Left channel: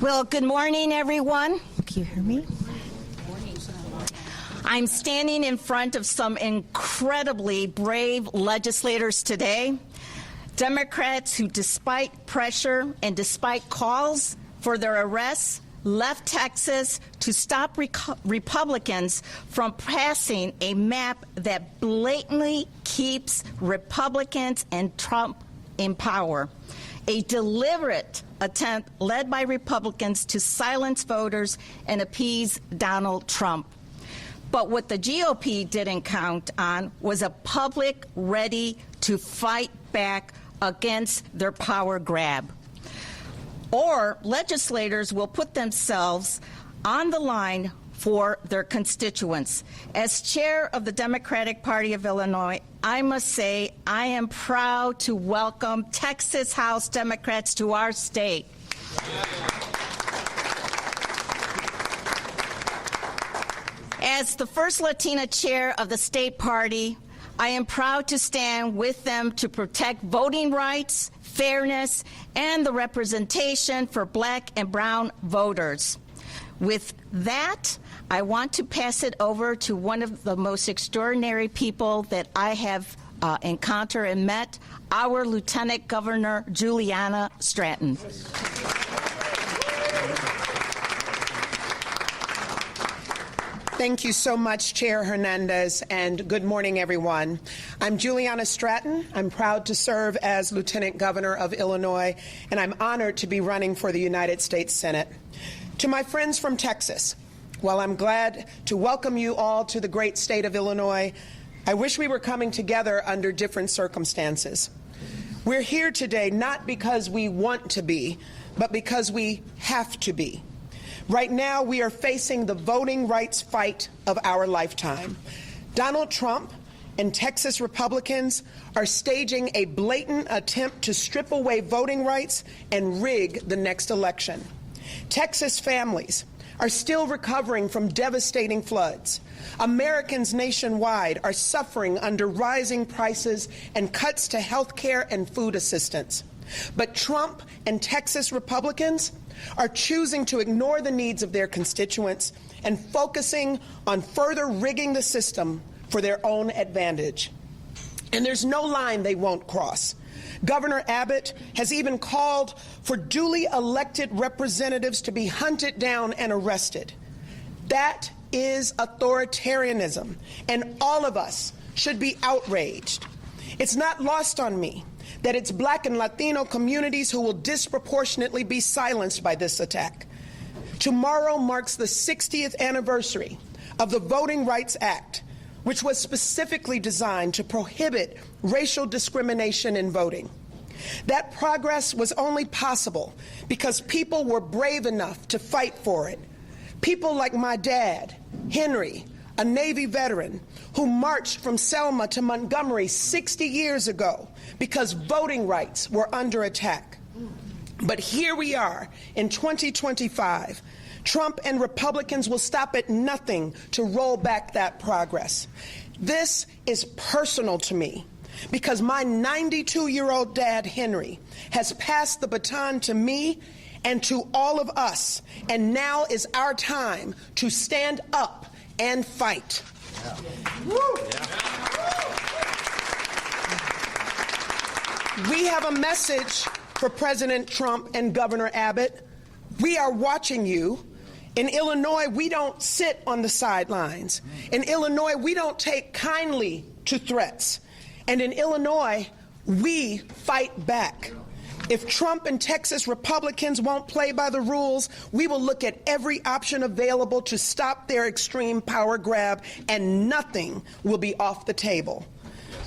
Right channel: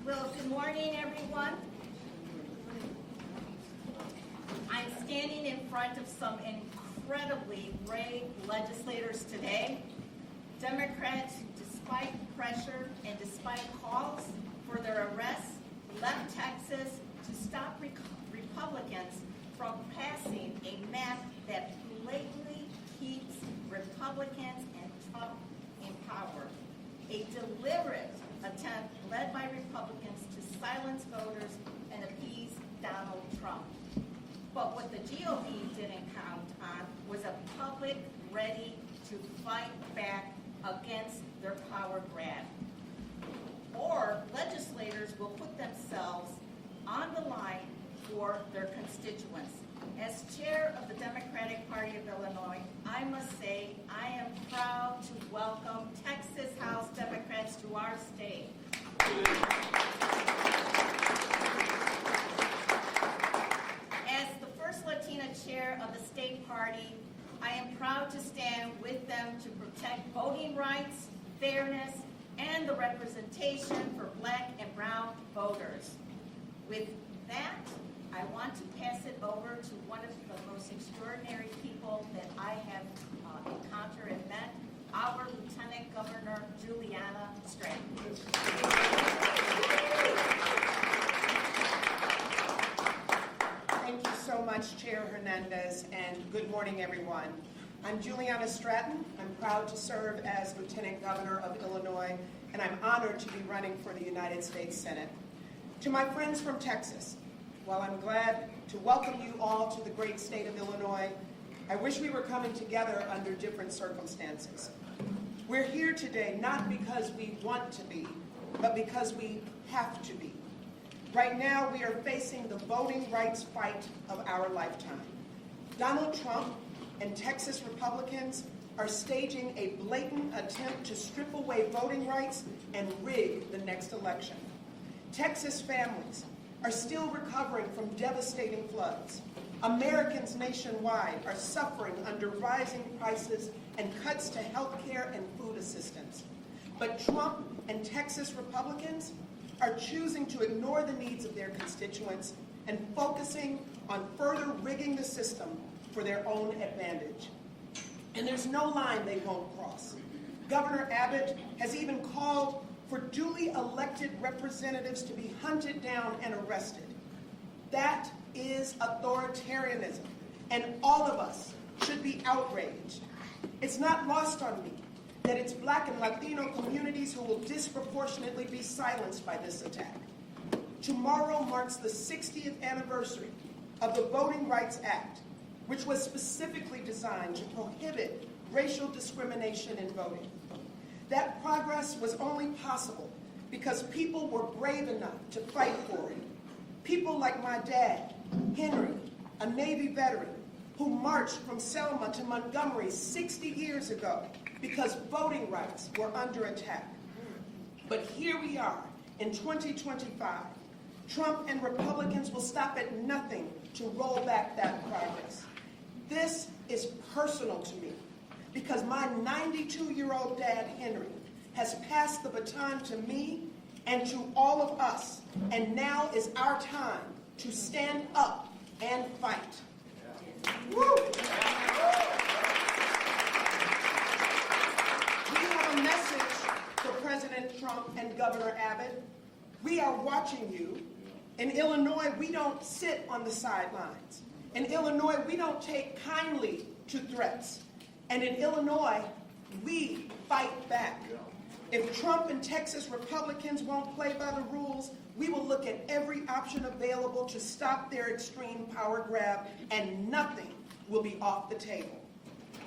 Well, good morning, everyone. Can you hear me? I'm standing in front of some incredibly brave legislators today, Democrats who, despite pressure and despite calls for their arrests, left Texas to stop Republicans from passing a map that blatantly keeps Republicans and Trump in power. A deliberate attempt led by Republicans to silence voters and appease Donald Trump. But what the GOP didn't count on was a public ready to fight back against their power grab. Or legislators will put themselves on the line for their constituents. As chair of the Democratic Party of Illinois, I must say I am proud to welcome Texas House Democrats to our state. As the first Latina chair of the state party, I am proud to stand with them to protect voting rights, fairness, and the representation for Black and brown voters. With that, I want to pass it over to one of the most extraordinary people that I have encountered and met, our Lieutenant Governor Juliana Stratton. Thank you so much, Chair Hernandez, and good morning, everyone. I'm Juliana Stratton. I'm proud to serve as Lieutenant Governor of Illinois, and I'm honored to be running for the United States Senate. To my friends from Texas, while I'm glad to welcome you all to the great state of Illinois, I wish we were coming together under different circumstances. We're here today not because we want to be, but because we have to be. Right now, we are facing the voting rights fight of our lifetime. Donald Trump and Texas Republicans are staging a blatant attempt to strip away voting rights and rig the next election. Texas families are still recovering from devastating floods. Americans nationwide are suffering under rising prices and cuts to health care and food assistance. But Trump and Texas Republicans are choosing to ignore the needs of their constituents and focusing on further rigging the system for their own advantage. And there's no line they won't cross. Governor Abbott has even called for duly elected representatives to be hunted down and arrested. That is authoritarianism, and all of us should be outraged. It's not lost on me that it's Black and Latino communities who will disproportionately be silenced by this attack. Tomorrow marks the 60th anniversary of the Voting Rights Act, which was specifically designed to prohibit racial discrimination in voting. That progress was only possible because people were brave enough to fight for it. People like my dad, Henry, a Navy veteran, who marched from Selma to Montgomery 60 years ago because voting rights were under attack. But here we are in 2025. Trump and Republicans will stop at nothing to roll back that progress. This is personal to me because my 92-year-old dad, Henry, has passed the baton to me and to all of us, and now is our time to stand up and fight. We have a message for President Trump and Governor Abbott. We are watching you. In Illinois, we don't sit on the sidelines. In Illinois, we don't take kindly to threats. And in Illinois, we fight back. If Trump and Texas Republicans won't play by the rules, we will look at every option available to stop their extreme power grab, and nothing will be off the table.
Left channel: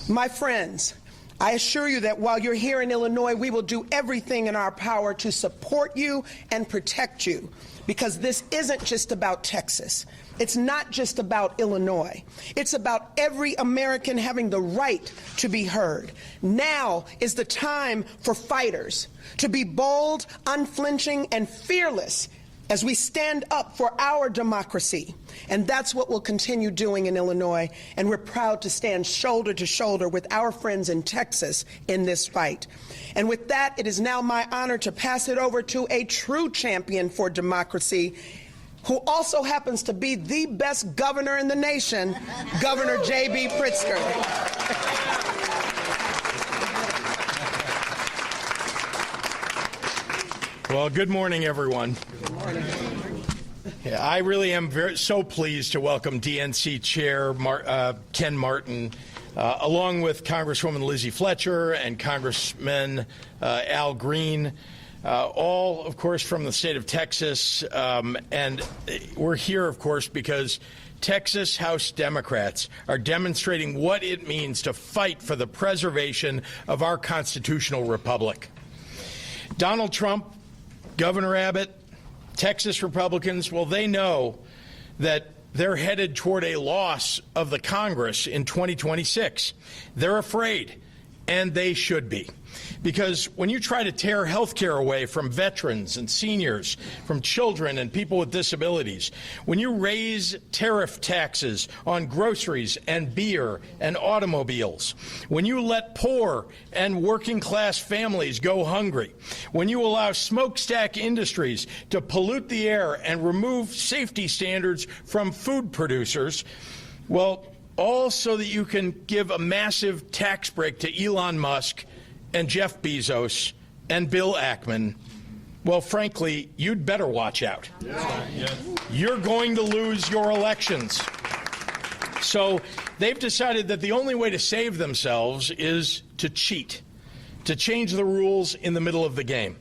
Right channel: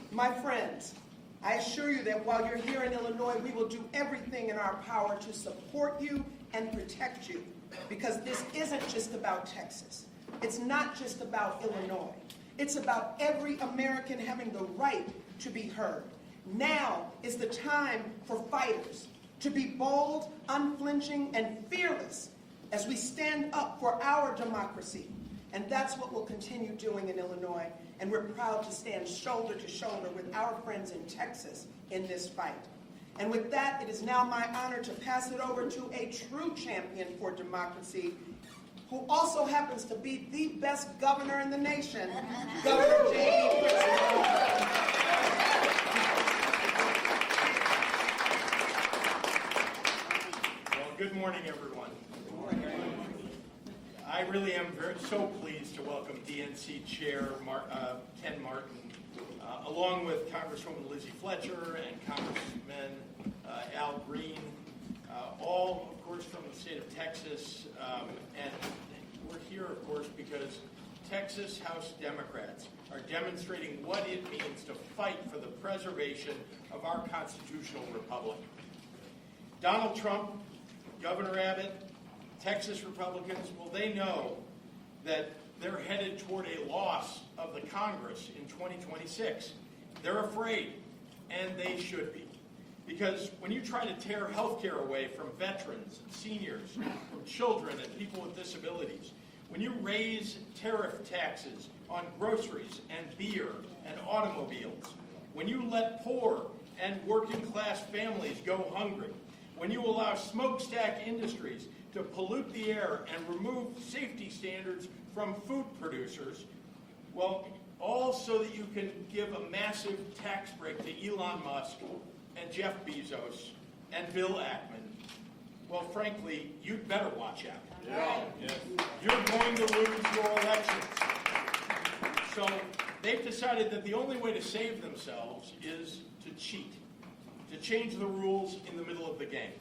My friends, I assure you that while you're here in Illinois, we will do everything in our power to support you and protect you, because this isn't just about Texas. It's not just about Illinois. It's about every American having the right to be heard. Now is the time for fighters to be bold, unflinching, and fearless as we stand up for our democracy. And that's what we'll continue doing in Illinois. And we're proud to stand shoulder to shoulder with our friends in Texas in this fight. And with that, it is now my honor to pass it over to a true champion for democracy, who also happens to be the best governor in the nation, Governor J.B. Pritzker. Well, good morning, everyone. Good morning. Yeah, I really am so pleased to welcome DNC Chair Ken Martin, along with Congresswoman Lizzie Fletcher and Congressman Al Green, all, of course, from the state of Texas. And we're here, of course, because Texas House Democrats are demonstrating what it means to fight for the preservation of our constitutional republic. Donald Trump, Governor Abbott, Texas Republicans, well, they know that they're headed toward a loss of the Congress in 2026. They're afraid, and they should be. Because when you try to tear health care away from veterans and seniors, from children and people with disabilities, when you raise tariff taxes on groceries and beer and automobiles, when you let poor and working class families go hungry, when you allow smokestack industries to pollute the air and remove safety standards from food producers, well, all so that you can give a massive tax break to Elon Musk and Jeff Bezos and Bill Ackman, well, frankly, you'd better watch out. Yeah. You're going to lose your elections. So they've decided that the only way to save themselves is to cheat, to change the rules in the middle of the game.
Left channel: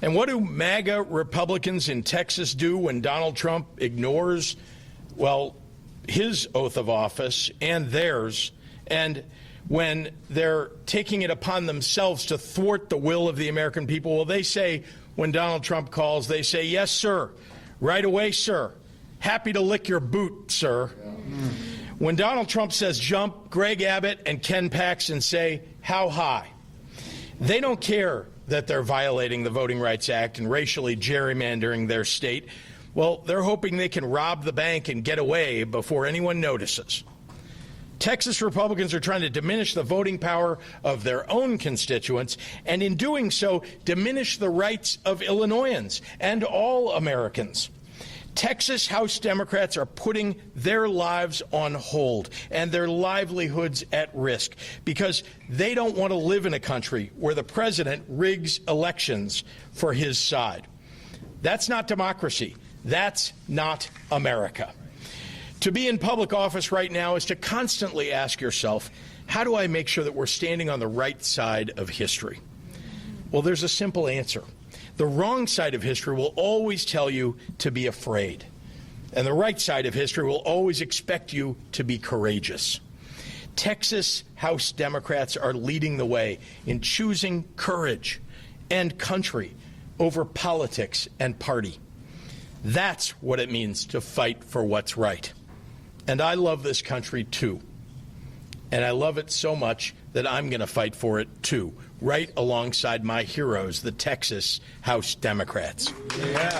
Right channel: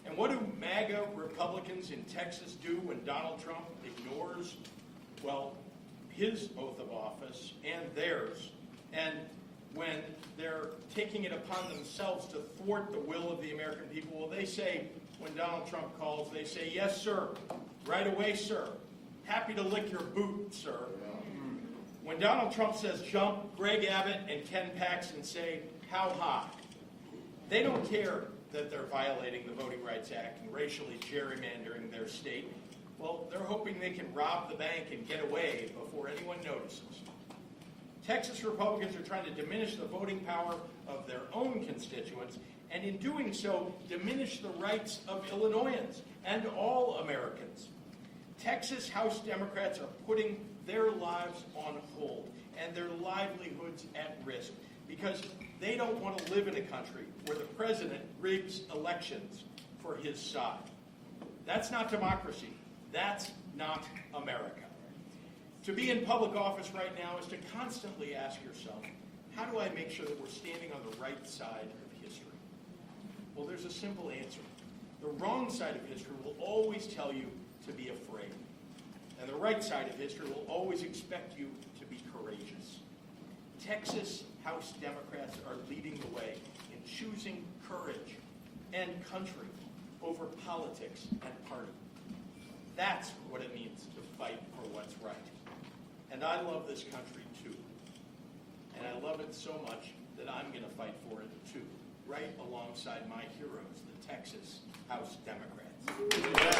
And what do MAGA Republicans in Texas do when Donald Trump ignores, well, his oath of office and theirs, and when they're taking it upon themselves to thwart the will of the American people? Well, they say, when Donald Trump calls, they say, yes, sir. Right away, sir. Happy to lick your boot, sir. When Donald Trump says jump, Greg Abbott and Ken Paxton say, how high? They don't care that they're violating the Voting Rights Act and racially gerrymandering their state. Well, they're hoping they can rob the bank and get away before anyone notices. Texas Republicans are trying to diminish the voting power of their own constituents, and in doing so, diminish the rights of Illinoisans and all Americans. Texas House Democrats are putting their lives on hold and their livelihoods at risk because they don't want to live in a country where the president rigs elections for his side. That's not democracy. That's not America. To be in public office right now is to constantly ask yourself, how do I make sure that we're standing on the right side of history? Well, there's a simple answer. The wrong side of history will always tell you to be afraid, and the right side of history will always expect you to be courageous. Texas House Democrats are leading the way in choosing courage and country over politics and party. That's what it means to fight for what's right. And I love this country, too. And I love it so much that I'm going to fight for it, too, right alongside my heroes, the Texas House Democrats. Yeah.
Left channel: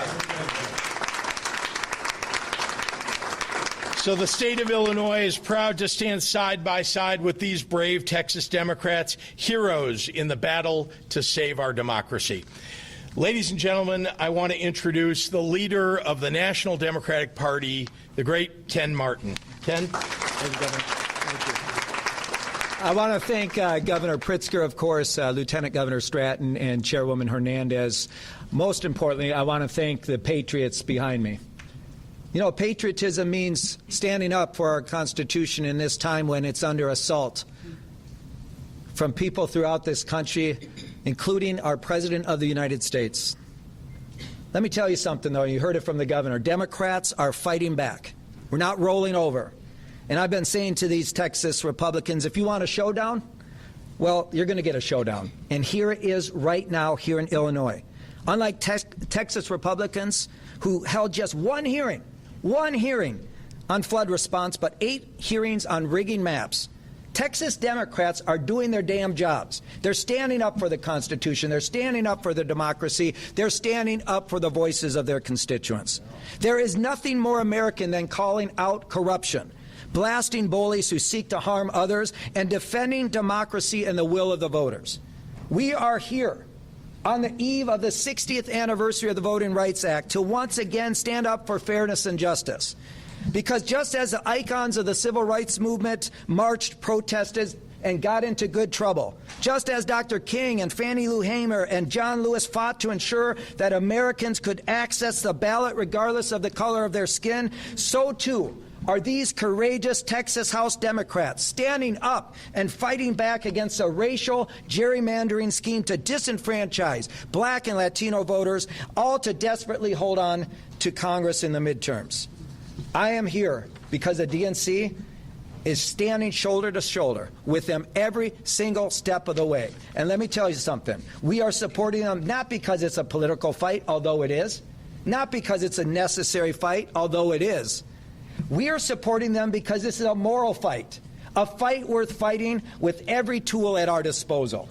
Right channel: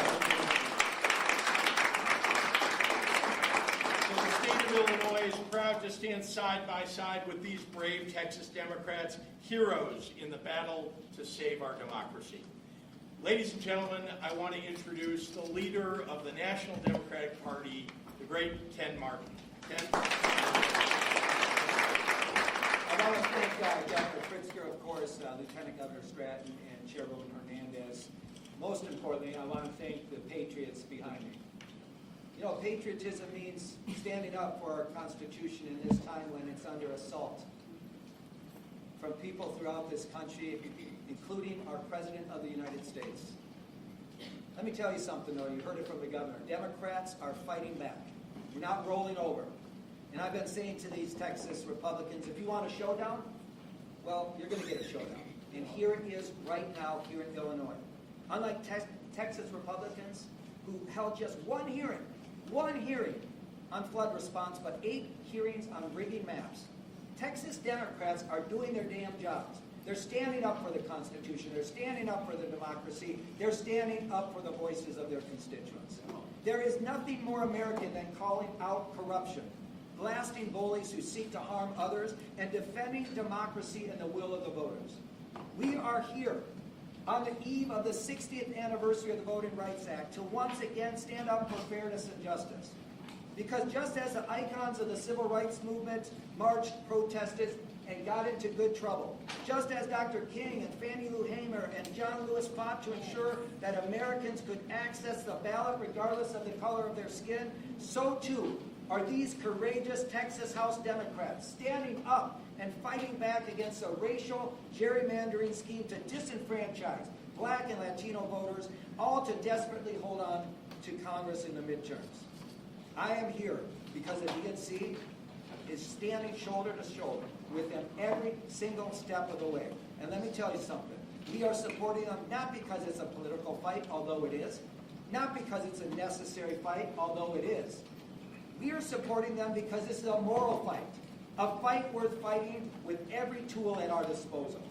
So the state of Illinois is proud to stand side by side with these brave Texas Democrats, heroes in the battle to save our democracy. Ladies and gentlemen, I want to introduce the leader of the National Democratic Party, the great Ken Martin. Ken? I want to thank Governor Pritzker, of course, Lieutenant Governor Stratton, and Chairwoman Hernandez. Most importantly, I want to thank the patriots behind me. You know, patriotism means standing up for our Constitution in this time when it's under assault from people throughout this country, including our President of the United States. Let me tell you something, though. You heard it from the governor. Democrats are fighting back. We're not rolling over. And I've been saying to these Texas Republicans, if you want a showdown, well, you're going to get a showdown. And here it is right now here in Illinois. Unlike Texas Republicans who held just one hearing on flood response, but 8 hearings on rigging maps, Texas Democrats are doing their damn jobs. They're standing up for the Constitution. They're standing up for their democracy. They're standing up for the voices of their constituents. There is nothing more American than calling out corruption, blasting bullies who seek to harm others, and defending democracy and the will of the voters. We are here on the eve of the 60th anniversary of the Voting Rights Act to once again stand up for fairness and justice. Because just as the icons of the civil rights movement marched, protested, and got into good trouble, just as Dr. King and Fannie Lou Hamer and John Lewis fought to ensure that Americans could access the ballot regardless of the color of their skin, so too are these courageous Texas House Democrats standing up and fighting back against a racial gerrymandering scheme to disenfranchise black and Latino voters, all to desperately hold on to Congress in the midterms. I am here because the DNC is standing shoulder to shoulder with them every single step of the way. And let me tell you something. We are supporting them not because it's a political fight, although it is, not because it's a necessary fight, although it is. We are supporting them because this is a moral fight, a fight worth fighting with every tool at our disposal.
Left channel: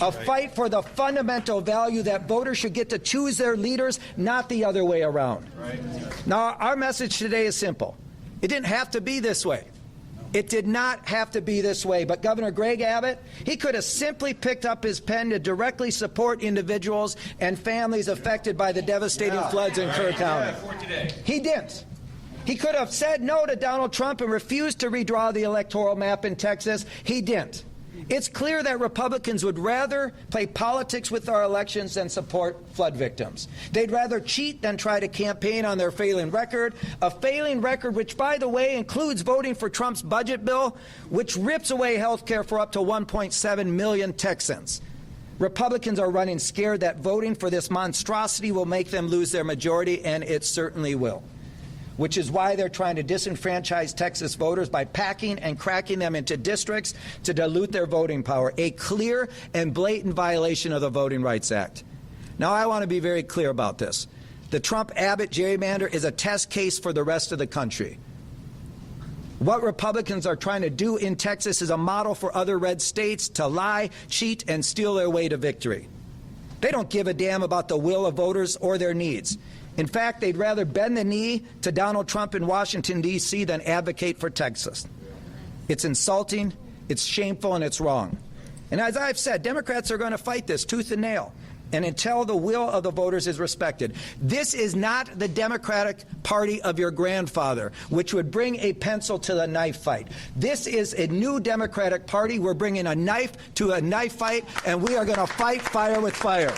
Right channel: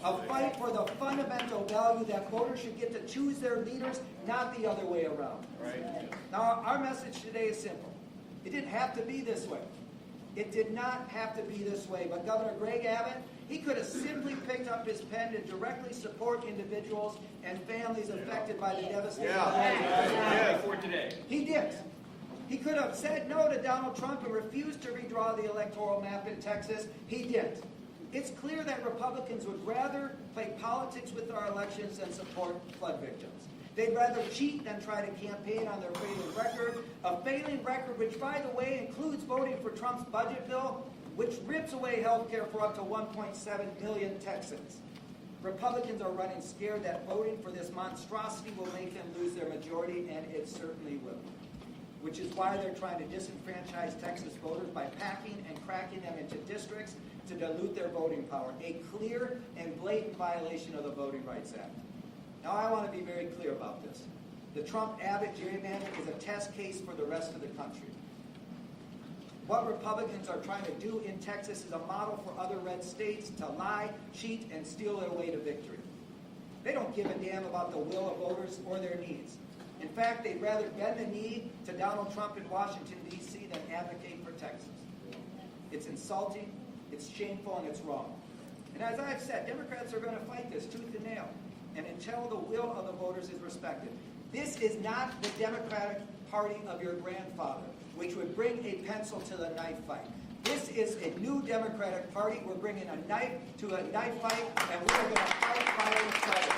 A fight for the fundamental value that voters should get to choose their leaders, not the other way around. Now, our message today is simple. It didn't have to be this way. It did not have to be this way, but Governor Greg Abbott, he could have simply picked up his pen to directly support individuals and families affected by the devastating floods in Kerr County. He didn't. He could have said no to Donald Trump and refused to redraw the electoral map in Texas. He didn't. It's clear that Republicans would rather play politics with our elections than support flood victims. They'd rather cheat than try to campaign on their failing record, a failing record which, by the way, includes voting for Trump's budget bill, which rips away health care for up to 1.7 million Texans. Republicans are running scared that voting for this monstrosity will make them lose their majority, and it certainly will. Which is why they're trying to disenfranchise Texas voters by packing and cracking them into districts to dilute their voting power, a clear and blatant violation of the Voting Rights Act. Now, I want to be very clear about this. The Trump-Abbott gerrymander is a test case for the rest of the country. What Republicans are trying to do in Texas is a model for other red states to lie, cheat, and steal their way to victory. They don't give a damn about the will of voters or their needs. In fact, they'd rather bend the knee to Donald Trump in Washington, D.C. than advocate for Texas. It's insulting, it's shameful, and it's wrong. And as I've said, Democrats are going to fight this tooth and nail, and until the will of the voters is respected. This is not the Democratic Party of your grandfather, which would bring a pencil to the knife fight. This is a new Democratic Party. We're bringing a knife to a knife fight, and we are going to fight fire with fire.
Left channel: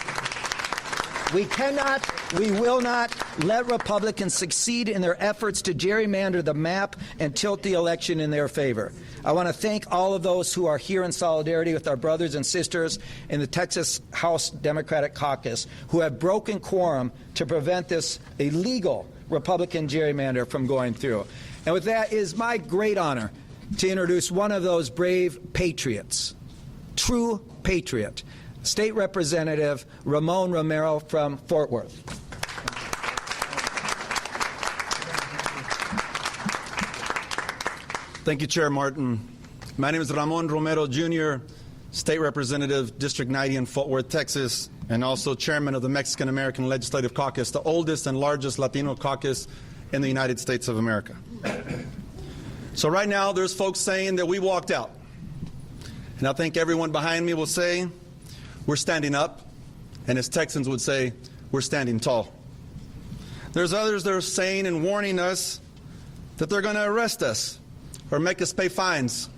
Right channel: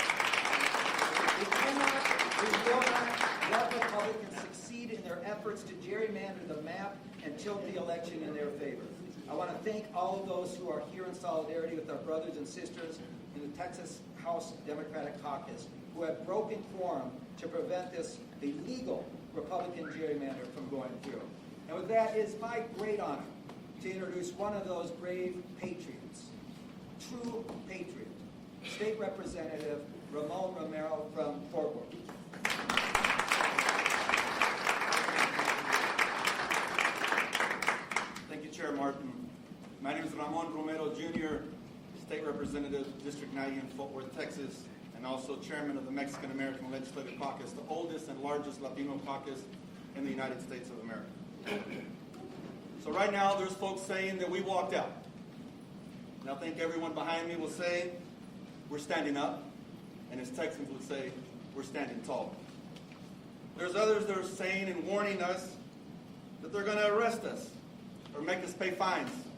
We cannot, we will not let Republicans succeed in their efforts to gerrymander the map and tilt the election in their favor. I want to thank all of those who are here in solidarity with our brothers and sisters in the Texas House Democratic Caucus who have broken quorum to prevent this illegal Republican gerrymander from going through. And with that, it is my great honor to introduce one of those brave patriots, true patriot, State Representative Ramon Romero from Fort Worth. Thank you, Chair Martin. My name is Ramon Romero, Jr., State Representative, District 90 in Fort Worth, Texas, and also Chairman of the Mexican-American Legislative Caucus, the oldest and largest Latino caucus in the United States of America. So right now, there's folks saying that we walked out. And I think everyone behind me will say, we're standing up, and as Texans would say, we're standing tall. There's others that are saying and warning us that they're going to arrest us or make us pay fines.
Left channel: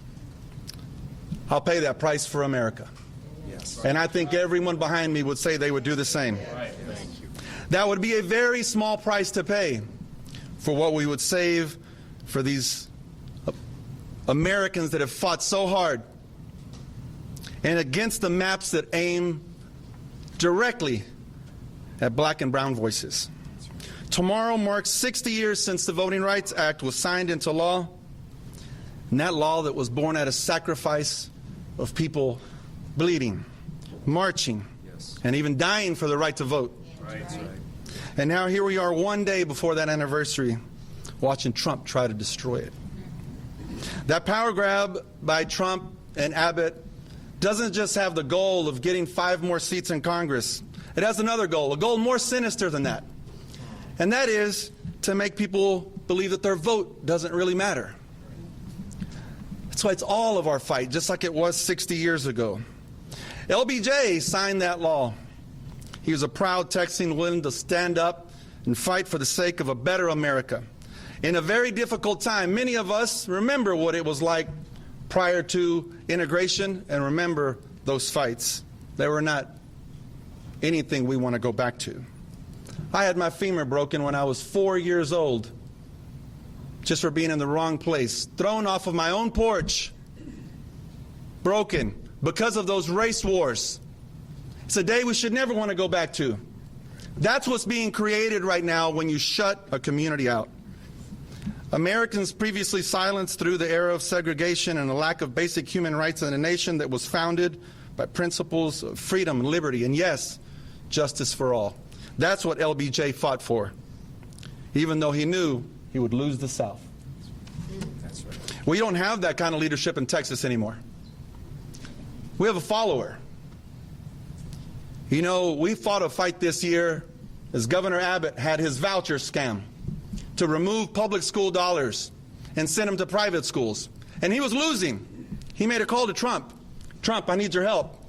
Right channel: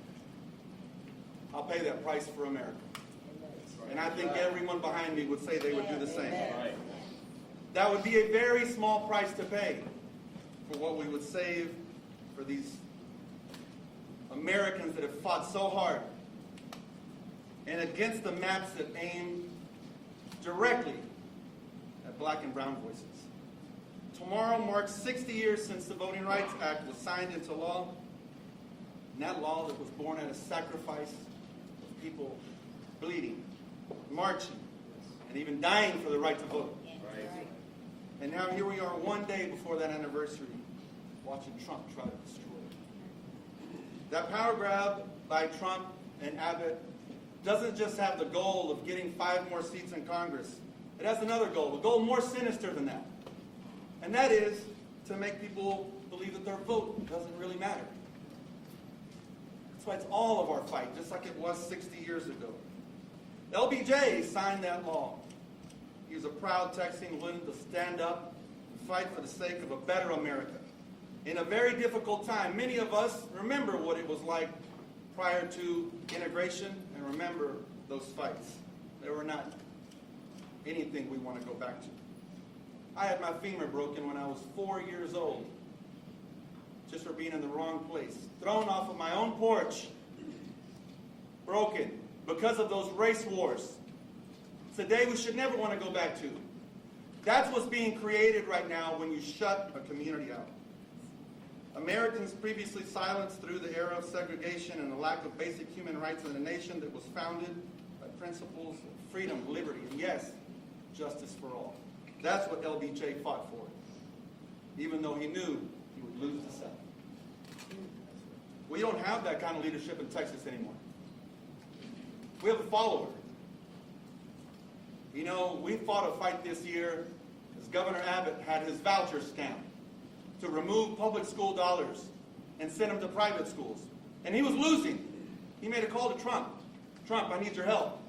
I'll pay that price for America. Yes. And I think everyone behind me would say they would do the same. That would be a very small price to pay for what we would save for these Americans that have fought so hard and against the maps that aim directly at black and brown voices. Tomorrow marks 60 years since the Voting Rights Act was signed into law, and that law that was born out of sacrifice of people bleeding, marching, and even dying for the right to vote. And now here we are one day before that anniversary, watching Trump try to destroy it. That power grab by Trump and Abbott doesn't just have the goal of getting 5 more seats in Congress. It has another goal, a goal more sinister than that. And that is to make people believe that their vote doesn't really matter. That's why it's all of our fight, just like it was 60 years ago. LBJ signed that law. He was a proud Texan willing to stand up and fight for the sake of a better America. In a very difficult time, many of us remember what it was like prior to integration and remember those fights. They were not anything we want to go back to. I had my femur broken when I was 4 years old, just for being in the wrong place, thrown off of my own porch, broken because of those race wars. It's a day we should never want to go back to. That's what's being created right now when you shut a community out. Americans previously silenced through the era of segregation and a lack of basic human rights in a nation that was founded by principles of freedom, liberty, and yes, justice for all. That's what LBJ fought for, even though he knew he would lose the South. That's right. We don't have that kind of leadership in Texas anymore. We have a follower. You know, we fought a fight this year as Governor Abbott had his voucher scam to remove public school dollars and send them to private schools. And he was losing. He made a call to Trump. Trump, I need your help.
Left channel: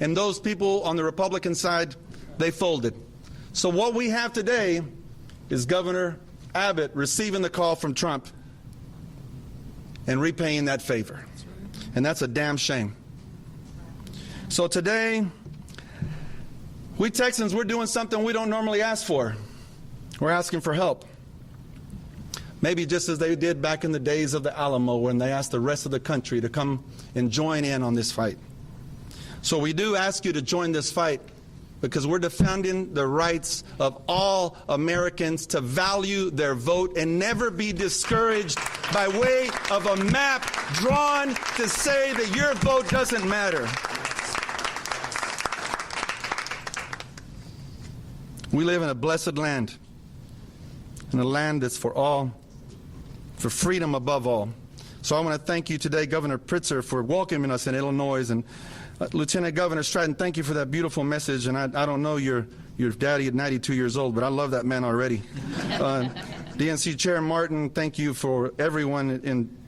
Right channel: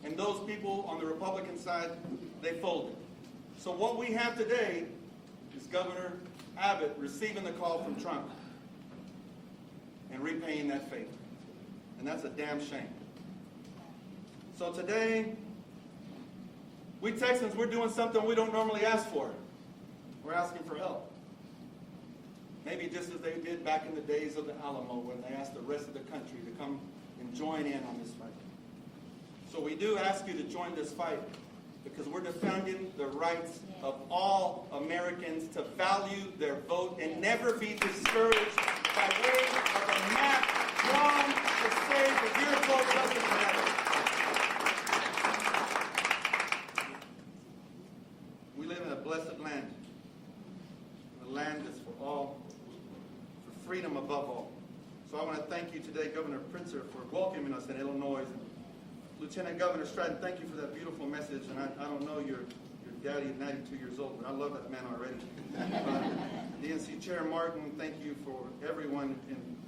And those people on the Republican side, they folded. So what we have today is Governor Abbott receiving the call from Trump and repaying that favor. And that's a damn shame. So today, we Texans, we're doing something we don't normally ask for. We're asking for help. Maybe just as they did back in the days of the Alamo when they asked the rest of the country to come and join in on this fight. So we do ask you to join this fight because we're defending the rights of all Americans to value their vote and never be discouraged by way of a map drawn to say that your vote doesn't matter. We live in a blessed land, in a land that's for all, for freedom above all. So I want to thank you today, Governor Pritzker, for welcoming us in Illinois, and Lieutenant Governor Stratton, thank you for that beautiful message. And I don't know your daddy at 92 years old, but I love that man already. DNC Chair Martin, thank you for everyone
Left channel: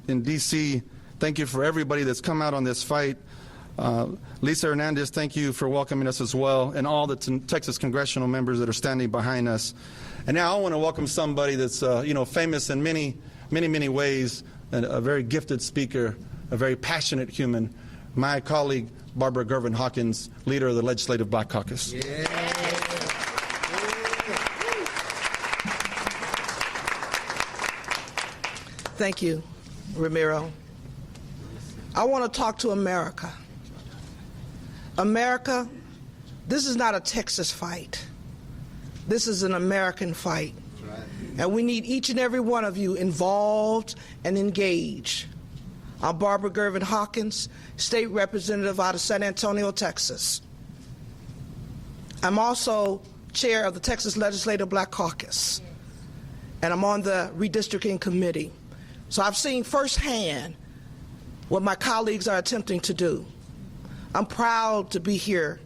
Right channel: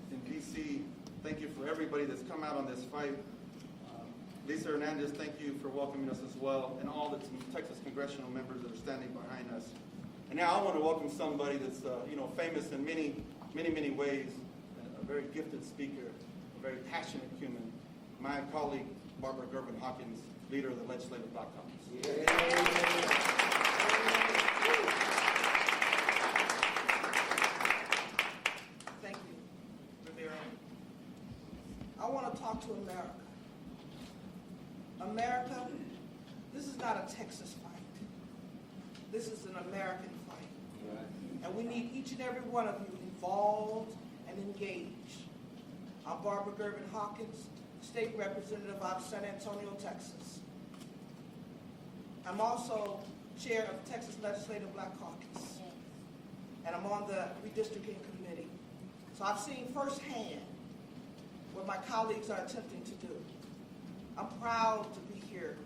in D.C. Thank you for everybody that's come out on this fight. Lisa Hernandez, thank you for welcoming us as well, and all the Texas congressional members that are standing behind us. And now I want to welcome somebody that's famous in many ways, and a very gifted speaker, a very passionate human, my colleague Barbara Gervin Hawkins, leader of the Legislative Black Caucus. Yeah. Thank you, Romero. I want to talk to America. America, this is not a Texas fight. This is an American fight. And we need each and every one of you involved and engaged. I'm Barbara Gervin Hawkins, State Representative out of San Antonio, Texas. I'm also chair of the Texas Legislative Black Caucus, and I'm on the redistricting committee. So I've seen firsthand what my colleagues are attempting to do. I'm proud to be here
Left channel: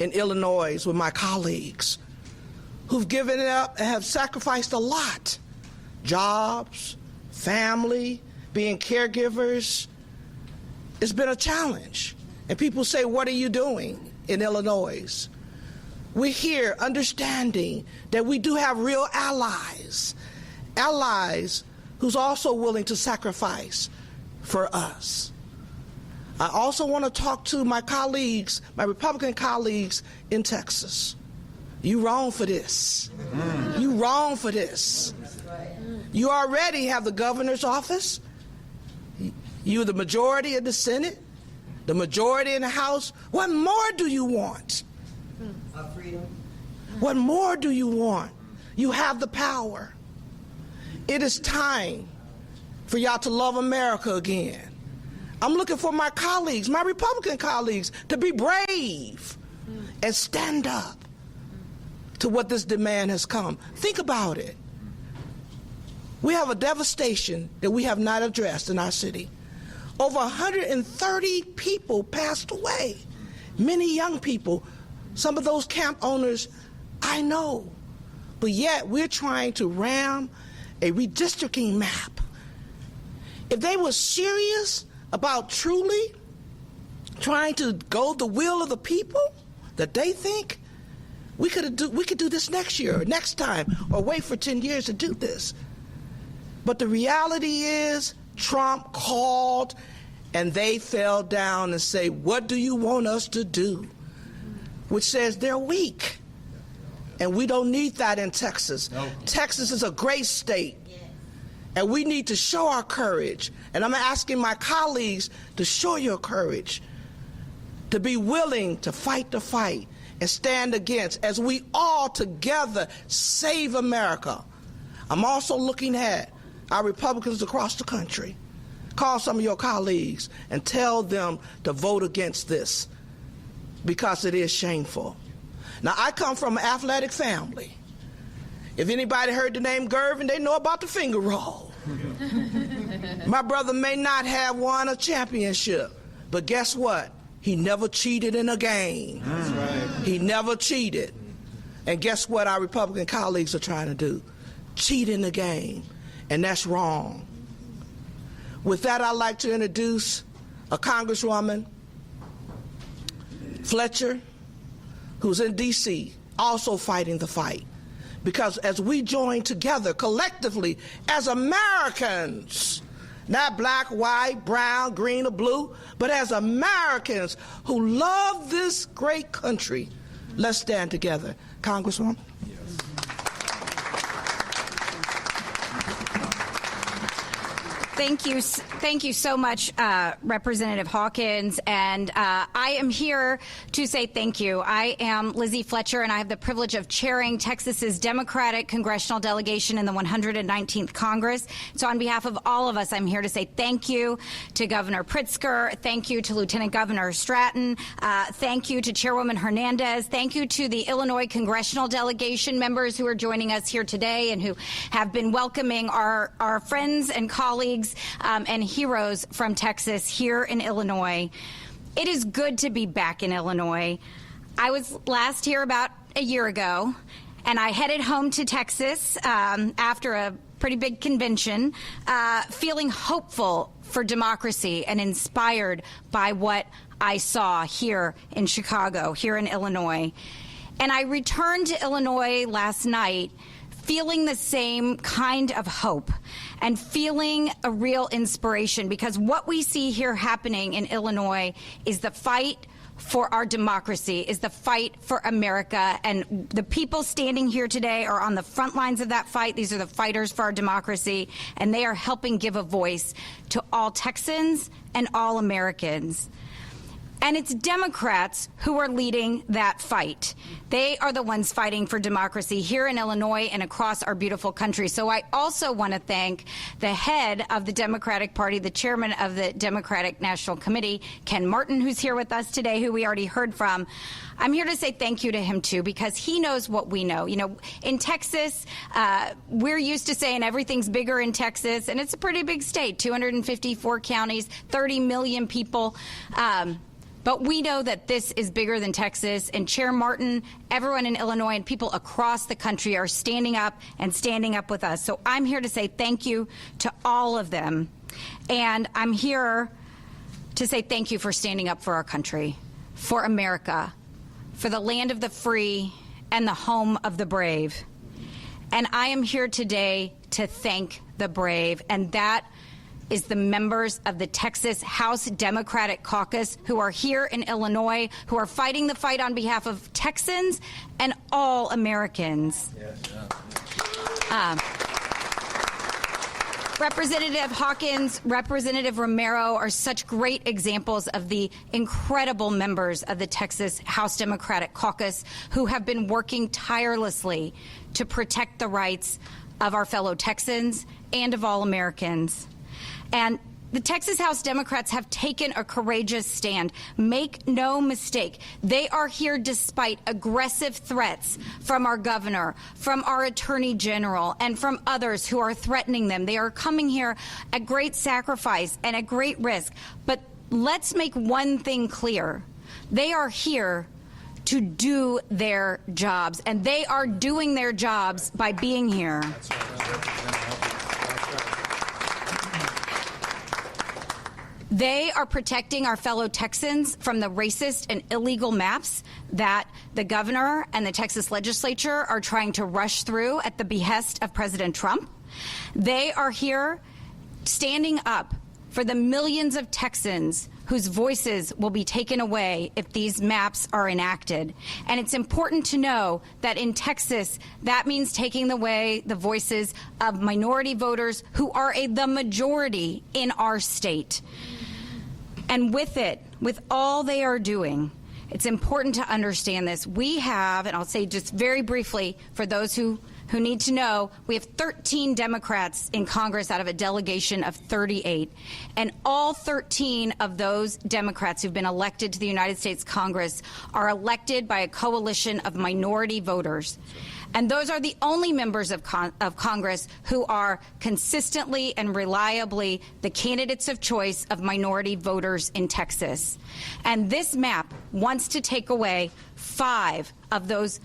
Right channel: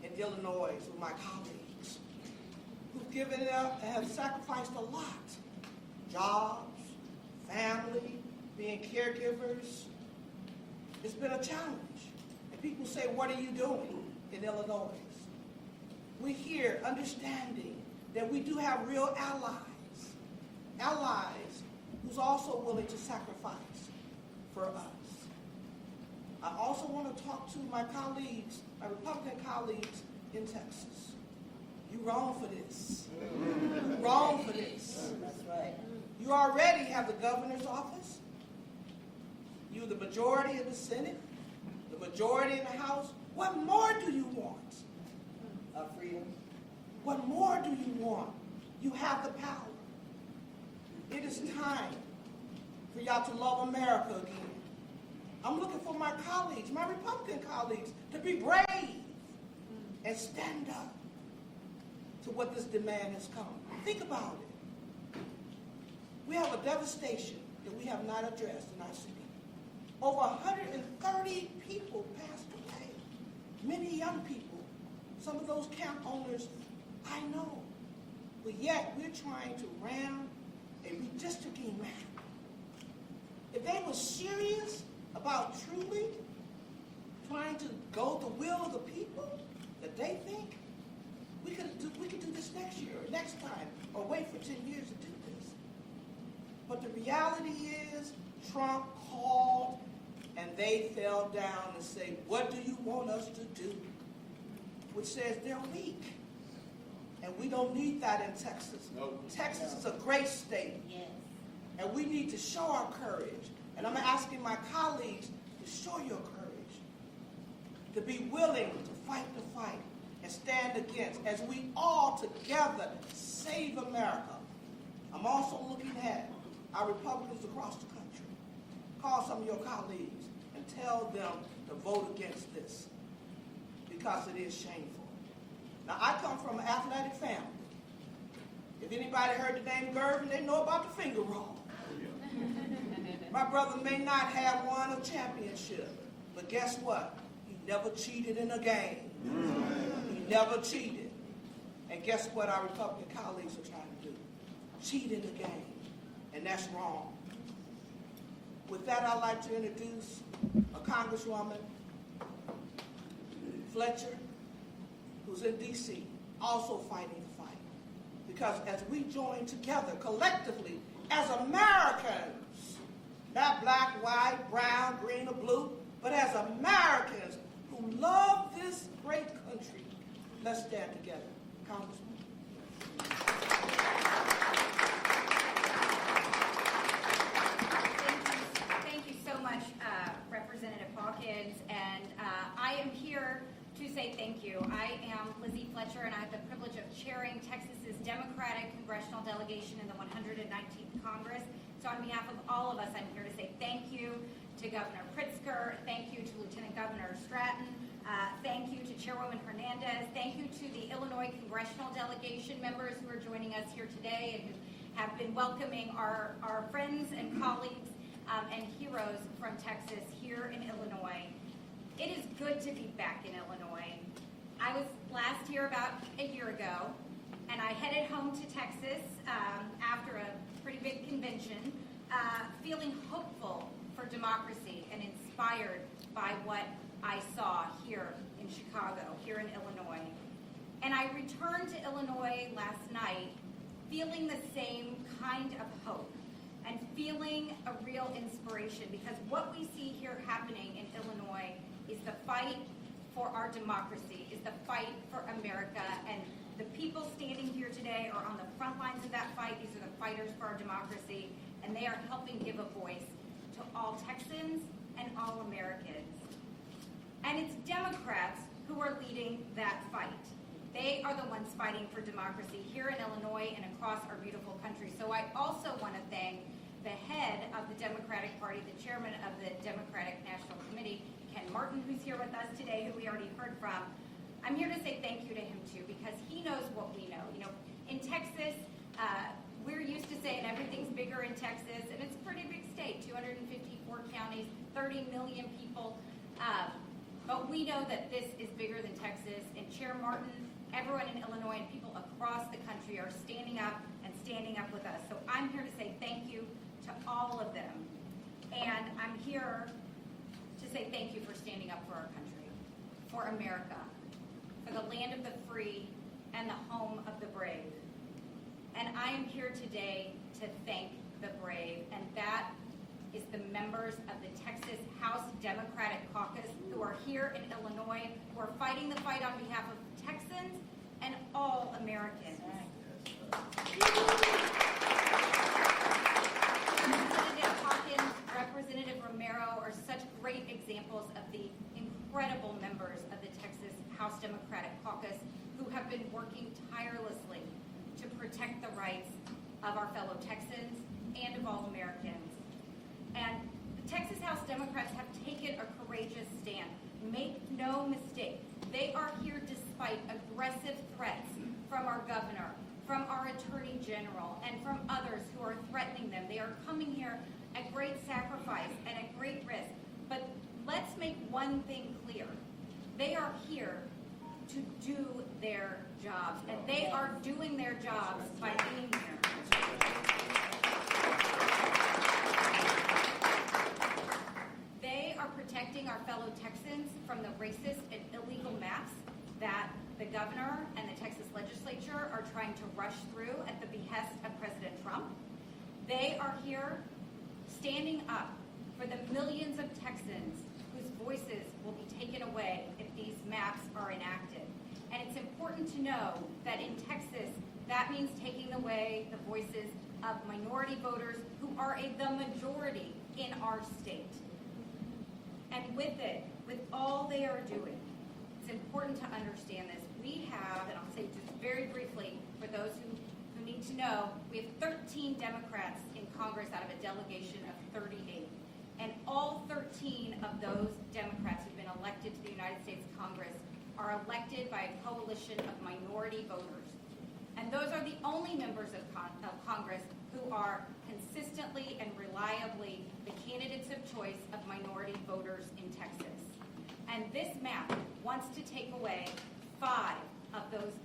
in Illinois with my colleagues who've given it up and have sacrificed a lot. Jobs, family, being caregivers. It's been a challenge. And people say, what are you doing in Illinois? We're here understanding that we do have real allies, allies who's also willing to sacrifice for us. I also want to talk to my colleagues, my Republican colleagues in Texas. You wrong for this. You wrong for this. You already have the governor's office. You're the majority in the Senate, the majority in the House. What more do you want? Freedom. What more do you want? You have the power. It is time for y'all to love America again. I'm looking for my colleagues, my Republican colleagues, to be brave and stand up to what this demand has come. Think about it. We have a devastation that we have not addressed in our city. Over 130 people passed away, many young people. Some of those camp owners I know, but yet we're trying to ram a redistricting map. If they were serious about truly trying to go the will of the people that they think, we could do this next year or next time, or wait for 10 years to do this. But the reality is Trump called and they fell down and say, what do you want us to do? Which says they're weak. And we don't need that in Texas. No. Texas is a great state. Yes. And we need to show our courage. And I'm asking my colleagues to show your courage, to be willing to fight the fight and stand against, as we all together save America. I'm also looking at our Republicans across the country. Call some of your colleagues and tell them to vote against this, because it is shameful. Now, I come from an athletic family. If anybody heard the name Gervin, they know about the finger roll. My brother may not have won a championship, but guess what? He never cheated in a game. That's right. He never cheated. And guess what our Republican colleagues are trying to do? Cheat in the game. And that's wrong. With that, I'd like to introduce a Congresswoman, Fletcher, who's in D.C., also fighting the fight. Because as we join together collectively as Americans, not black, white, brown, green, or blue, but as Americans who love this great country, let's stand together. Congresswoman. Thank you so much, Representative Hawkins, and I am here to say thank you. I am Lizzie Fletcher, and I have the privilege of chairing Texas's Democratic Congressional delegation in the 119th Congress. So on behalf of all of us, I'm here to say thank you to Governor Pritzker, thank you to Lieutenant Governor Stratton, thank you to Chairwoman Hernandez, thank you to the Illinois Congressional delegation members who are joining us here today and who have been welcoming our friends and colleagues and heroes from Texas here in Illinois. It is good to be back in Illinois. I was last here about a year ago, and I headed home to Texas after a pretty big convention, feeling hopeful for democracy and inspired by what I saw here in Chicago, here in Illinois. And I returned to Illinois last night feeling the same kind of hope and feeling a real inspiration, because what we see here happening in Illinois is the fight for our democracy, is the fight for America, and the people standing here today are on the front lines of that fight. These are the fighters for our democracy, and they are helping give a voice to all Texans and all Americans. And it's Democrats who are leading that fight. They are the ones fighting for democracy here in Illinois and across our beautiful country. So I also want to thank the head of the Democratic Party, the chairman of the Democratic National Committee, Ken Martin, who's here with us today, who we already heard from. I'm here to say thank you to him, too, because he knows what we know. You know, in Texas, we're used to saying everything's bigger in Texas, and it's a pretty big state, 254 counties, 30 million people. But we know that this is bigger than Texas, and Chair Martin, everyone in Illinois, and people across the country are standing up with us. So I'm here to say thank you to all of them. And I'm here to say thank you for standing up for our country, for America, for the land of the free and the home of the brave. And I am here today to thank the brave, and that is the members of the Texas House Democratic Caucus who are here in Illinois, who are fighting the fight on behalf of Texans and all Americans. Representative Hawkins, Representative Romero are such great examples of the incredible members of the Texas House Democratic Caucus who have been working tirelessly to protect the rights of our fellow Texans and of all Americans. And the Texas House Democrats have taken a courageous stand. Make no mistake, they are here despite aggressive threats from our governor, from our attorney general, and from others who are threatening them. They are coming here at great sacrifice and at great risk. But let's make one thing clear. They are here to do their jobs, and they are doing their jobs by being here. They are protecting our fellow Texans from the racist and illegal maps that the governor and the Texas legislature are trying to rush through at the behest of President Trump. They are here standing up for the millions of Texans whose voices will be taken away if these maps are enacted. And it's important to know that in Texas, that means taking away the voices of minority voters who are the majority in our state. And with it, with all they are doing, it's important to understand this. We have, and I'll say just very briefly for those who need to know, we have 13 Democrats in Congress out of a delegation of 38. And all 13 of those Democrats who've been elected to the United States Congress are elected by a coalition of minority voters. And those are the only members of Congress who are consistently and reliably the candidates of choice of minority voters in Texas. And this map wants to take away five of those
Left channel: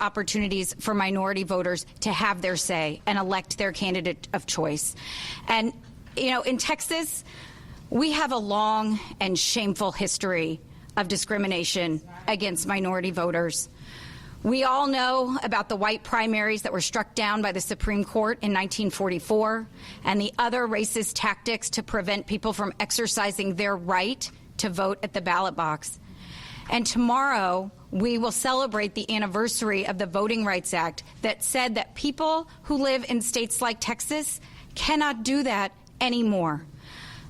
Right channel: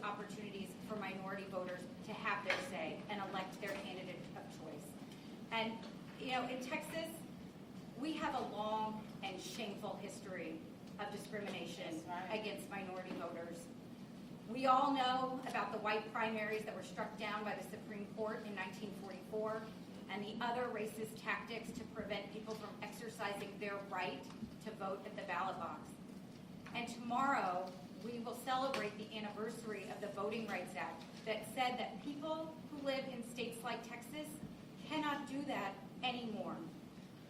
opportunities for minority voters to have their say and elect their candidate of choice. And, you know, in Texas, we have a long and shameful history of discrimination against minority voters. We all know about the white primaries that were struck down by the Supreme Court in 1944 and the other racist tactics to prevent people from exercising their right to vote at the ballot box. And tomorrow, we will celebrate the anniversary of the Voting Rights Act that said that people who live in states like Texas cannot do that anymore.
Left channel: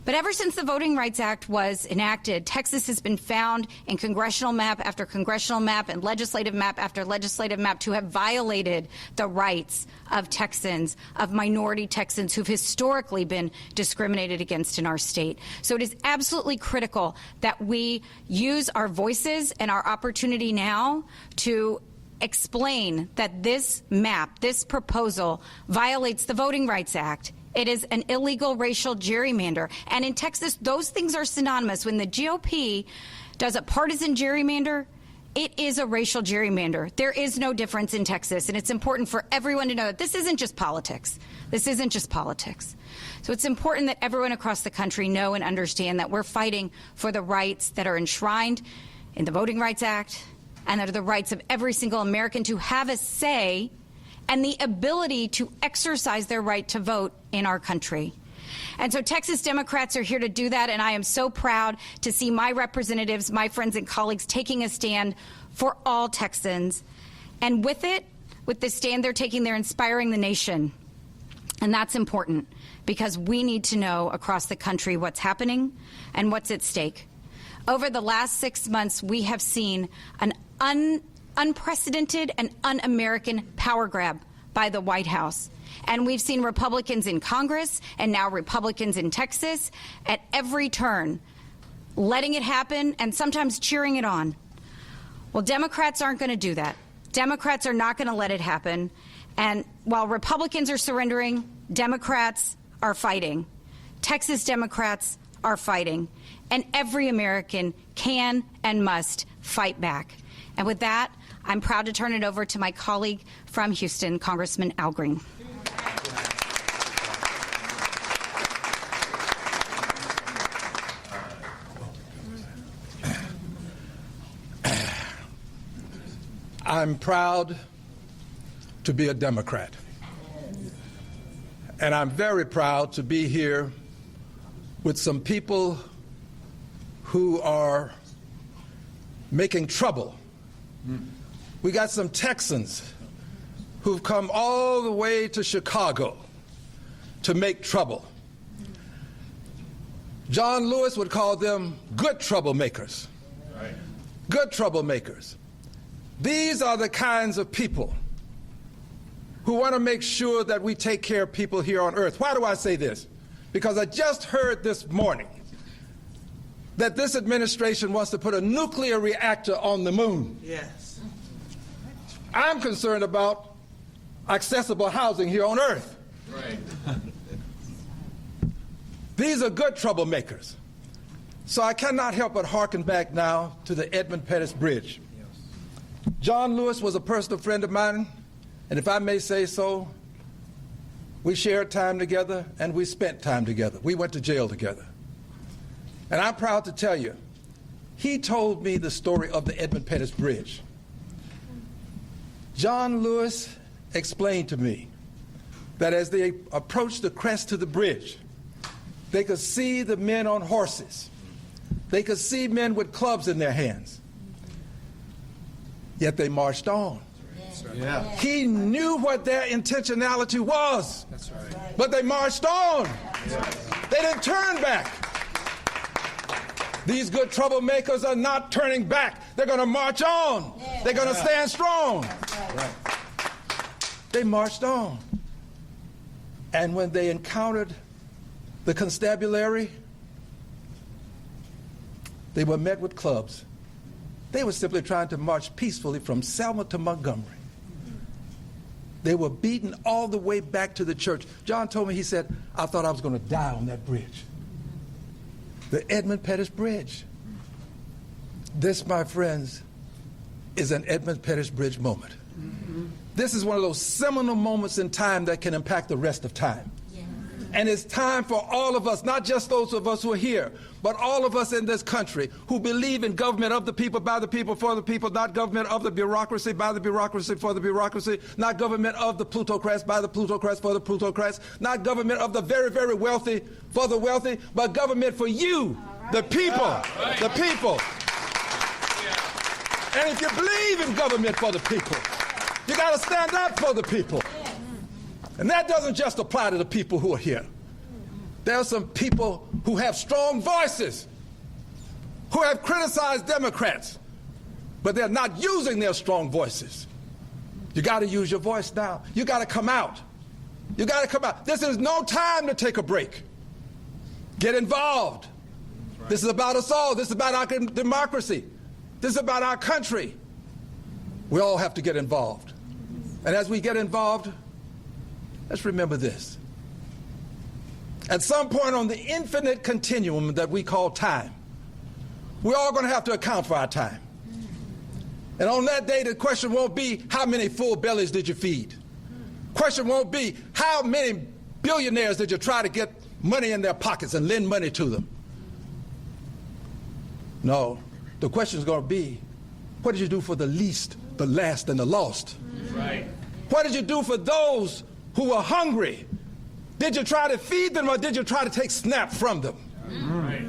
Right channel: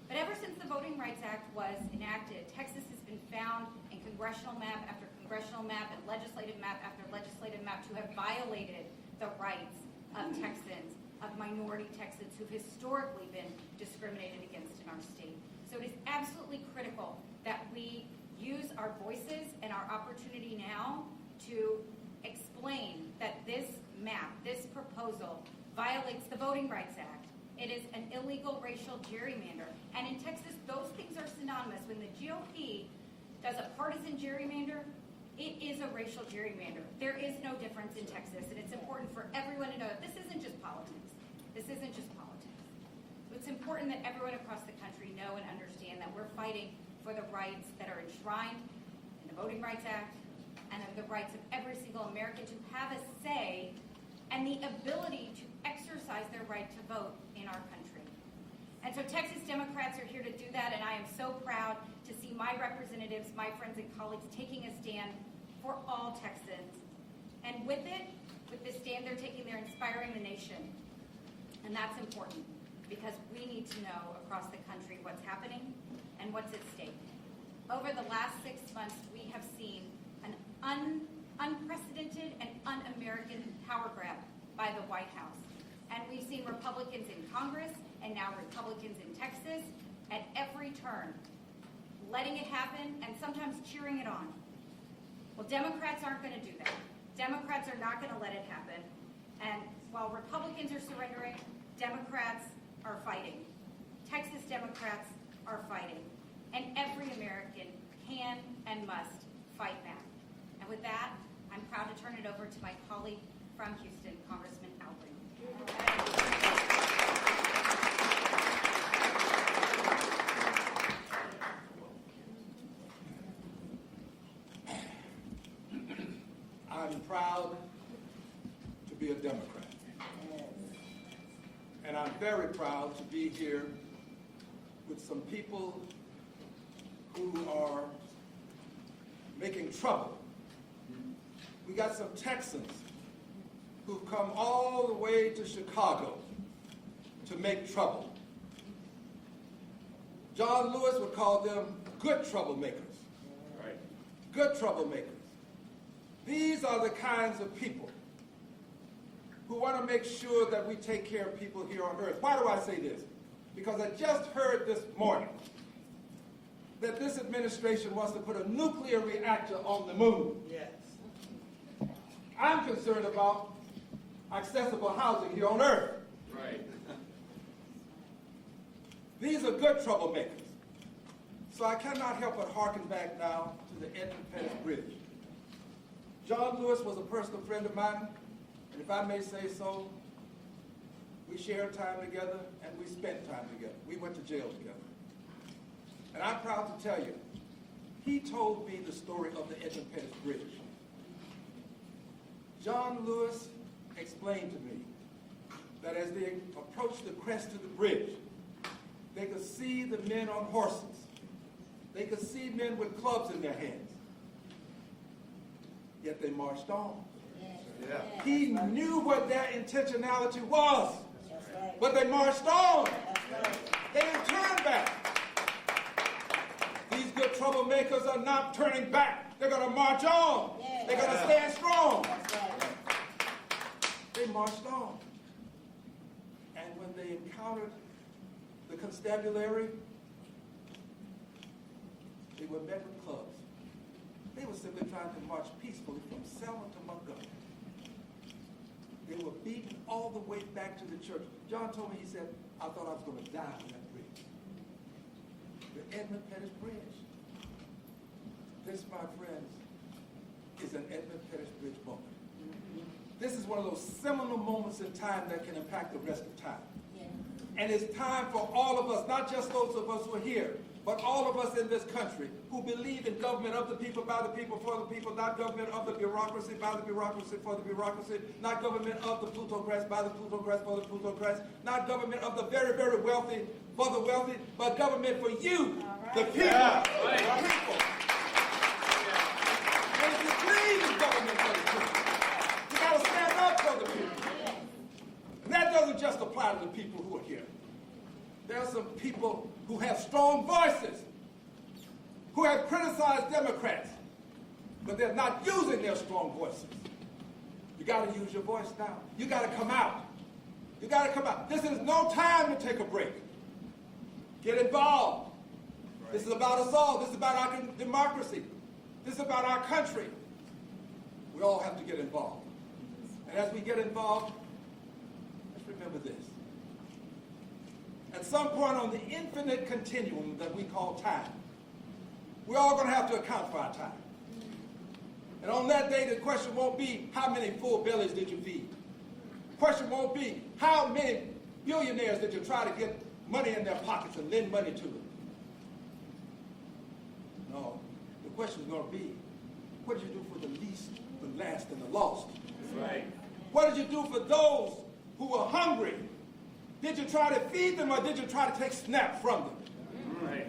But ever since the Voting Rights Act was enacted, Texas has been found in congressional map after congressional map and legislative map after legislative map to have violated the rights of Texans, of minority Texans who've historically been discriminated against in our state. So it is absolutely critical that we use our voices and our opportunity now to explain that this map, this proposal, violates the Voting Rights Act. It is an illegal racial gerrymander. And in Texas, those things are synonymous. When the GOP does a partisan gerrymander, it is a racial gerrymander. There is no difference in Texas. And it's important for everyone to know that this isn't just politics. This isn't just politics. So it's important that everyone across the country know and understand that we're fighting for the rights that are enshrined in the Voting Rights Act and that are the rights of every single American to have a say and the ability to exercise their right to vote in our country. And so Texas Democrats are here to do that, and I am so proud to see my representatives, my friends and colleagues taking a stand for all Texans. And with it, with the stand they're taking, they're inspiring the nation. And that's important because we need to know across the country what's happening and what's at stake. Over the last 6 months, we have seen an unprecedented and un-American power grab by the White House. And we've seen Republicans in Congress and now Republicans in Texas at every turn letting it happen and sometimes cheering it on. Well, Democrats aren't going to do that. Democrats are not going to let it happen. And while Republicans are surrendering, Democrats are fighting. Texas Democrats are fighting. And every American can and must fight back. And with that, I'm proud to turn it over to my colleague from Houston, Congressman Al Green. I'm proud to be a Democrat. And I'm very proud to be here with some people who are making trouble. We got some Texans who've come all the way to Chicago to make trouble. John Lewis would call them good troublemakers. Right. Good troublemakers. These are the kinds of people who want to make sure that we take care of people here on earth. Why do I say this? because I just heard this morning that this administration wants to put a nuclear reactor on the moon. Yes. I'm concerned about accessible housing here on Earth. Right. These are good troublemakers. So I cannot help but hearken back now to the Edmund Pettus Bridge. John Lewis was a personal friend of mine, and if I may say so, we shared time together and we spent time together. We went to jail together. And I'm proud to tell you, he told me the story of the Edmund Pettus Bridge. John Lewis explained to me that as they approached the crest to the bridge, they could see the men on horses. They could see men with clubs in their hands. Yet they marched on. Yeah. He knew what their intentionality was. That's right. But they marched on. They didn't turn back. These good troublemakers are not turning back. They're going to march on. They're going to stand strong. Right. They marched on. And when they encountered the constabulary, they were met with clubs. They were simply trying to march peacefully from Selma to Montgomery. They were beaten all the way back to the church. John told me, he said, I thought I was going to die on that bridge. The Edmund Pettus Bridge. This, my friends, is an Edmund Pettus Bridge moment. This is one of those seminal moments in time that can impact the rest of time. And it's time for all of us, not just those of us who are here, but all of us in this country who believe in government of the people, by the people, for the people, not government of the bureaucracy, by the bureaucracy, for the bureaucracy, not government of the plutocrats, by the plutocrats, for the plutocrats, not government of the very, very wealthy, for the wealthy, but government for you, the people, the people. And if you believe in government for the people, you got to stand up for the people. And that doesn't just apply to the people who are here. There are some people who have strong voices, who have criticized Democrats, but they're not using their strong voices. You got to use your voice now. You got to come out. You got to come out. This is no time to take a break. Get involved. Right. This is about us all. This is about our democracy. This is about our country. We all have to get involved. And as we get involved, let's remember this. At some point on the infinite continuum that we call time, we're all going to have to account for our time. And on that day, the question won't be, how many full bellies did you feed? Question won't be, how many billionaires did you try to get money in their pockets and lend money to them? No, the question is going to be, what did you do for the least, the last, and the lost? Right. What did you do for those who were hungry? Did you try to feed them, or did you try to take snap from them? Right.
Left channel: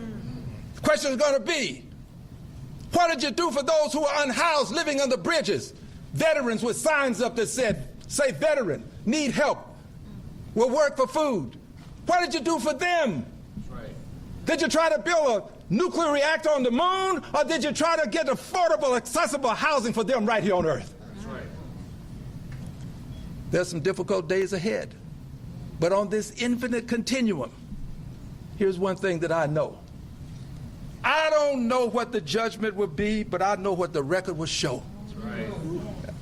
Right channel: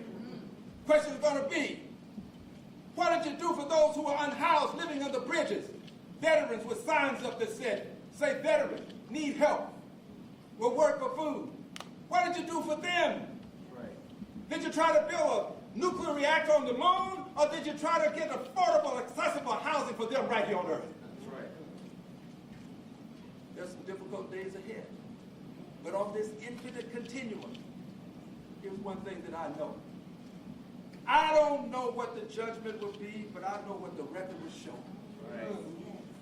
The question is going to be, what did you do for those who are unhoused, living under bridges? Veterans with signs up that said, say veteran, need help, will work for food. What did you do for them? Right. Did you try to build a nuclear reactor on the moon, or did you try to get affordable, accessible housing for them right here on Earth? That's right. There's some difficult days ahead. But on this infinite continuum, here's one thing that I know. I don't know what the judgment will be, but I know what the record will show. That's right.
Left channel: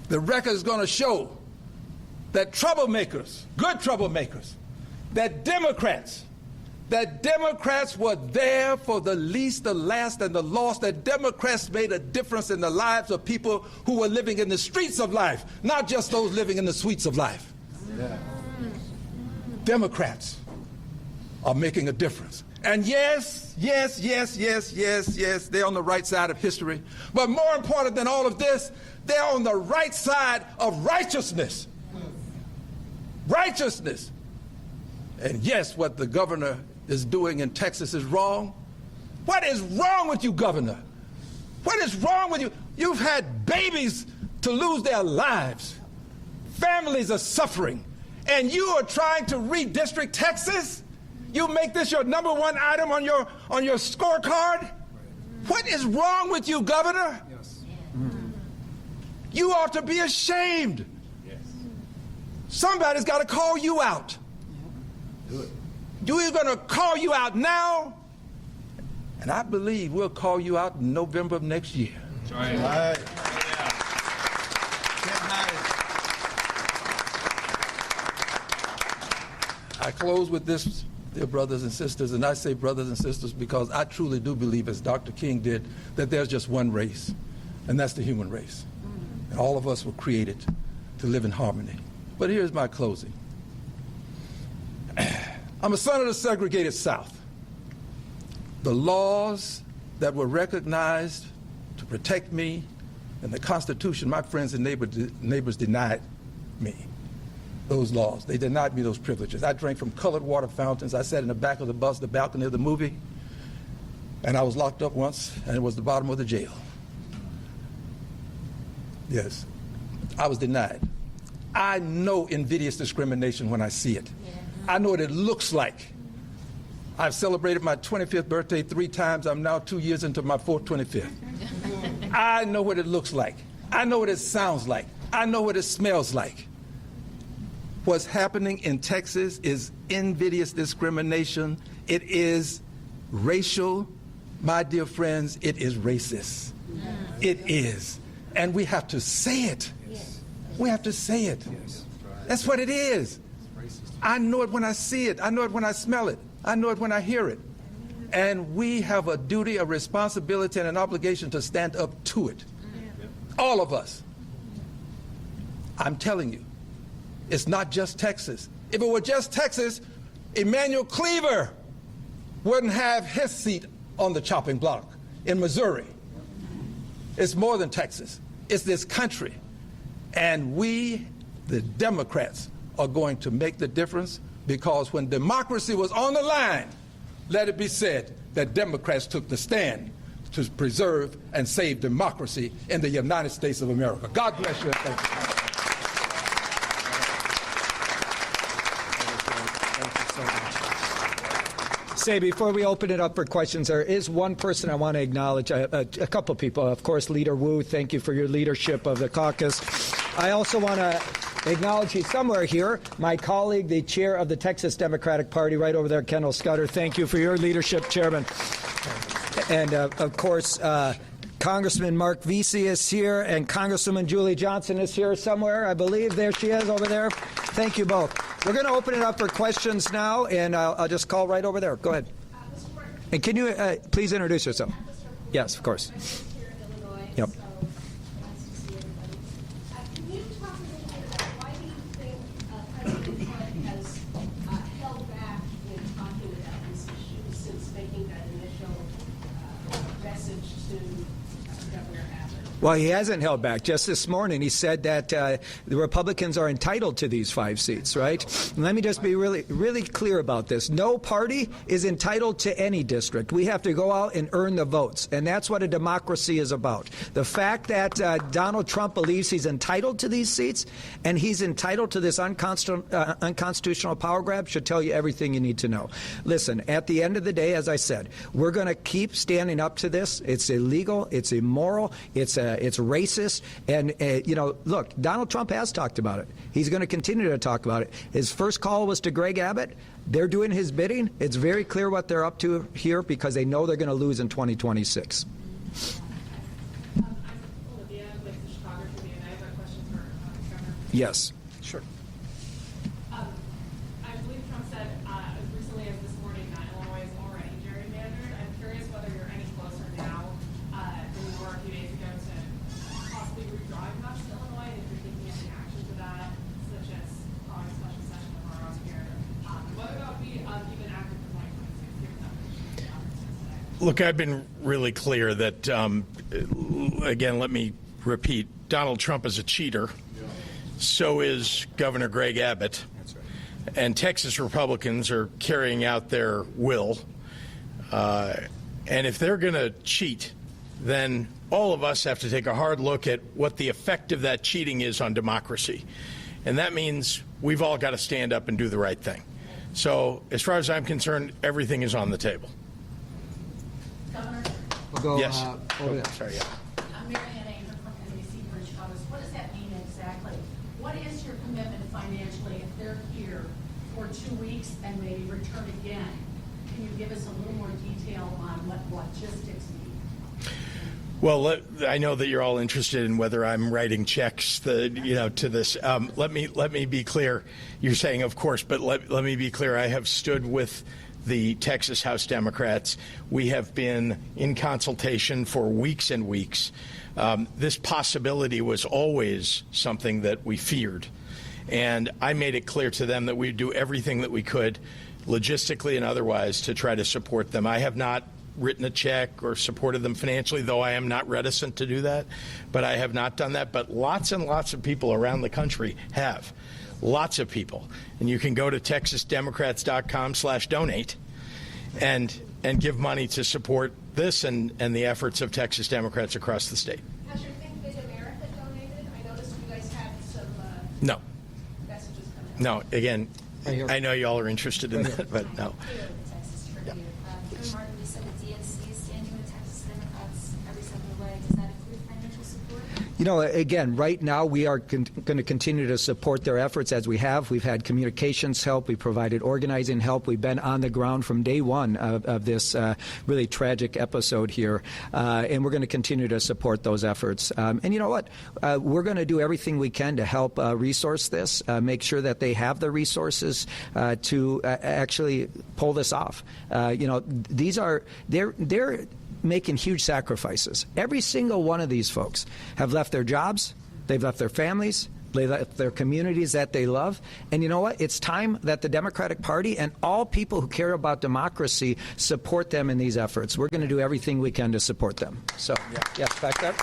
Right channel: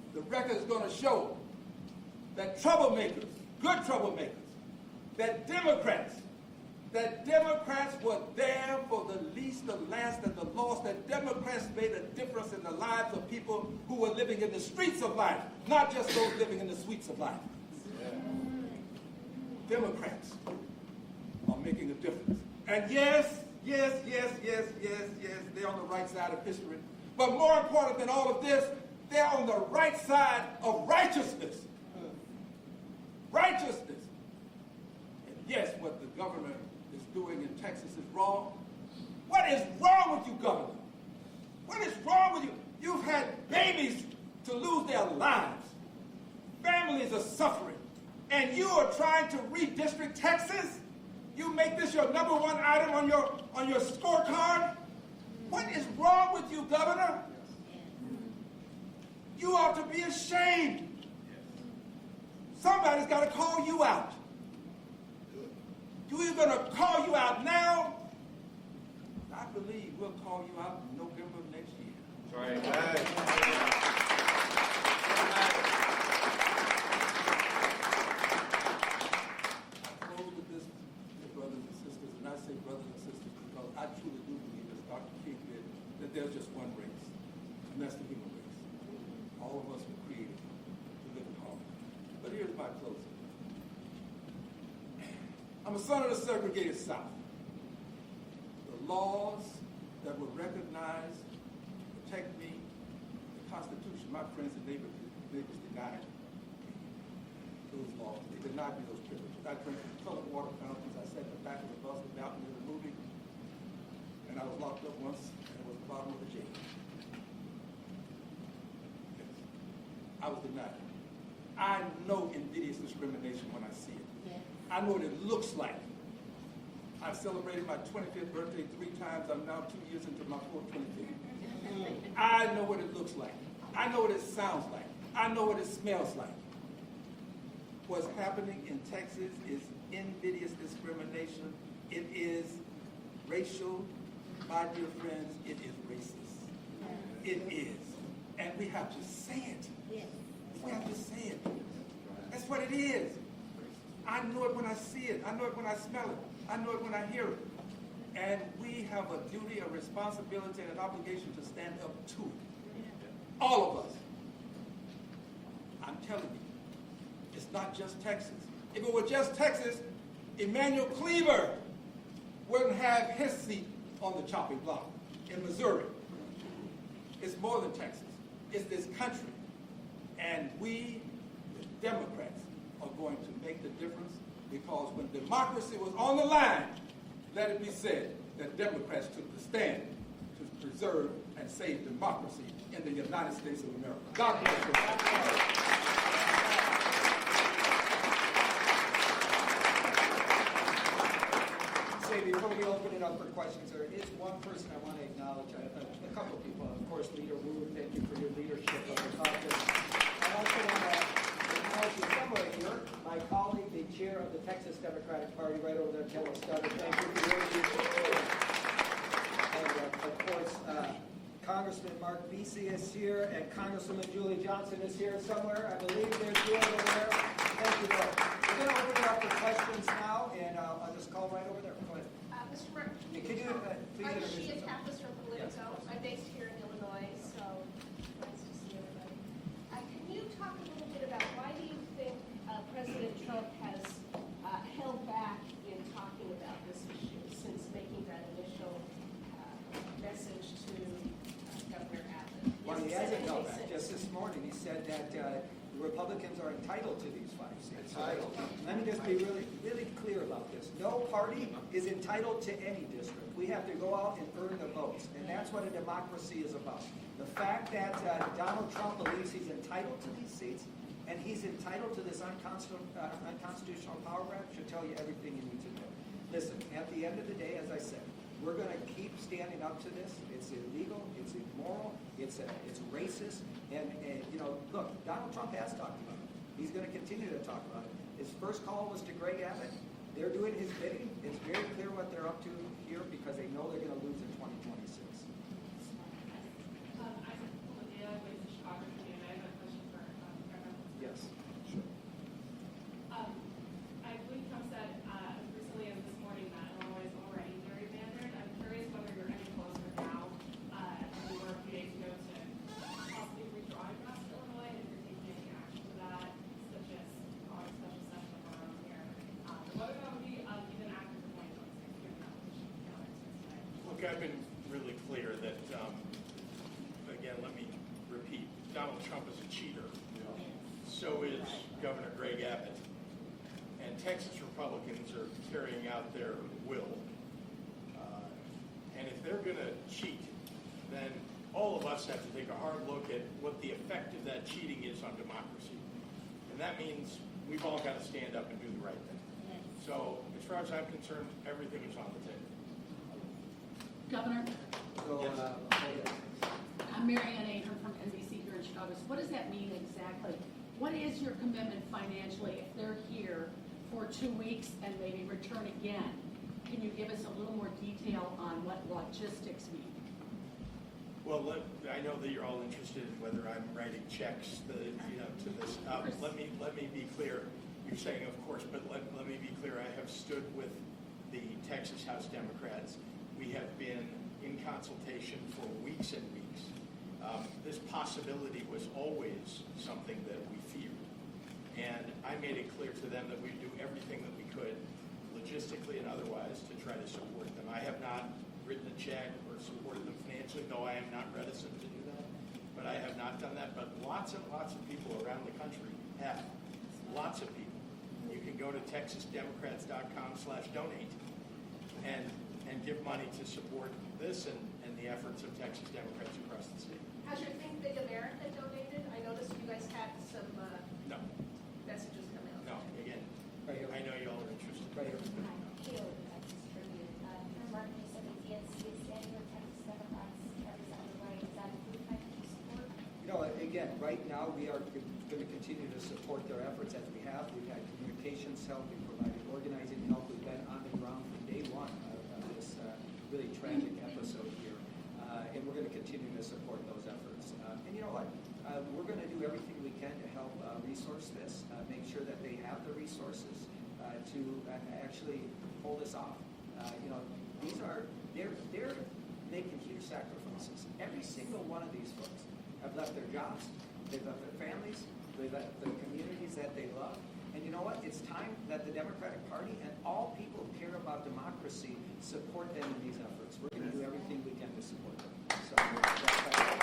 The record is going to show that troublemakers, good troublemakers, that Democrats were there for the least, the last, and the lost, that Democrats made a difference in the lives of people who were living in the streets of life, not just those living in the suites of life. Yeah. Democrats are making a difference. And yes, they're on the right side of history. But more important than all of this, they're on the right side of righteousness. Righteousness. And yes, what the governor is doing in Texas is wrong. What is wrong with you, governor? What is wrong with you? You've had babies to lose their lives. Families are suffering. And you are trying to redistrict Texas? You make this your number one item on your scorecard? What is wrong with you, Governor? Yes. You ought to be ashamed. Yes. Somebody's got to call you out. Good. We're going to call you out now, and I believe we'll call you out in November of next year. That's right. I close with this, dear brothers and sisters, and I say brothers and sisters because I truly do believe, as Dr. King did, that there's just one race, and that's the human race. And all of us were created to live in harmony. But here's my closing. I'm a son of the segregated South. The laws that were recognized to protect me and the Constitution, my friends and neighbors denied me those laws. They denied me those privileges. I drank from colored water fountains. I sat in the back of the bus, the balcony of the movie, and I was locked up once, and it was the bottom of the jail. Yes, I was denied. I know invidious discrimination when I see it. I know what it looks like. I've celebrated my 25th birthday 3 times. I'm now 2 years into my 25th. I know what it looks like. I know what it sounds like. I know what it smells like. What's happening in Texas is invidious discrimination. It is racial. My dear friends, it is racist. It is. And we have to say it. We have to say it. That's what it is. I know it when I see it. I know it when I smell it. I know it when I hear it. And we have a duty, a responsibility, and an obligation to stand up to it. All of us. I'm telling you, it's not just Texas. If it were just Texas, Emmanuel Cleaver wouldn't have his seat on the chopping block in Missouri. It's more than Texas. It's this country. And we, the Democrats, are going to make the difference, because when democracy was on the line, let it be said that Democrats took the stand to preserve and save democracy in the United States of America. God bless you and thank you. Say, before we open it up for questions, there is one person I want to acknowledge, a couple people. Of course, Leader Wu, thank you for your leadership of the caucus. I also want to acknowledge you somewhere here, my colleague, the chair of the Texas Democratic Party, right over there, Kendall Scudder. Thank you for your leadership, Chairman. And, of course, Congressman Mark Vesey is here, and Congresswoman Julie Johnson is here somewhere, I believe. There she is over there. Thank you both. We're going to open it up for questions now, and I'll just call right over there. Go ahead. And can you please introduce yourself? Yes, of course. Yep. Well, he hasn't held back. Just this morning, he said that the Republicans are entitled to these 5 seats, right? And let me just be really clear about this. No party is entitled to any district. We have to go out and earn the votes, and that's what a democracy is about. The fact that Donald Trump believes he's entitled to these seats and he's entitled to this unconstitutional power grab should tell you everything you need to know. Listen, at the end of the day, as I said, we're going to keep standing up to this. It's illegal. It's immoral. It's racist. And, you know, look, Donald Trump has talked about it. He's going to continue to talk about it. His first call was to Greg Abbott. They're doing his bidding. It's very clear what they're up to here because they know they're going to lose in 2026. Yes. Sure. I believe Trump said as recently as this morning that Illinois is already gerrymandered. I'm curious whether you're any closer now than you were a few days ago to possibly redrawing maps to Illinois, and if you're taking any action to that, such as calling a special session of Romero here, and whether that would be even active for 2026, given that there's today. Look, I've been really clear that, again, let me repeat, Donald Trump is a cheater. So is Governor Greg Abbott. And Texas Republicans are carrying out their will. And if they're going to cheat, then all of us have to take a hard look at what the effect of that cheating is on democracy. And that means we've all got to stand up and do the right thing. So as far as I'm concerned, everything is on the table. Governor? We'll go, Yes. over there. Sorry, yeah. I'm Mary Ann Aher from NBC here in Chicago. So what does that mean exactly? What is your commitment financially if they're here for 2 weeks and maybe return again. Can you give us a little more detail on what logistics mean? Well, I know that you're all interested in whether I'm writing checks, to this. Let me be clear. You're saying, of course, but let me be clear. I have stood with the Texas House Democrats. We have been in consultation for weeks and weeks. This possibility was always something that we feared. And I made it clear to them that we'd do everything that we could, logistically and otherwise, to try to support them. I have not written a check or supported them financially, though I am not reticent to do that. But I have not done that. But lots and lots of people around the country have. Lots of people. And you can go to texasdemocrats.com/donate and give money to support this and the efforts of Texas Democrats across the state. Has your Think Big America donated? I noticed you guys had some No. messages coming out. No. Again, I know y'all are interested in that, but no. Texas Tribune. Chairman Martin just said the DNC is standing with Texas Democrats every step of the way. Does that include financial support? Again, right now we are going to continue to support their efforts as we have. We've had communications help. We've provided organizing help. We've been on the ground from day one of this really tragic episode here. And we're going to continue to support those efforts. And you know what? We're going to do everything we can to help resource this, make sure that they have the resources to actually pull this off. They're making huge sacrifices. Every single one of these folks have left their jobs, they've left their families, they left their communities that they love. And you know what? It's time that the Democratic Party and all people who care about democracy support them in these efforts. We're going to do everything we can to support them. So, yes, back up.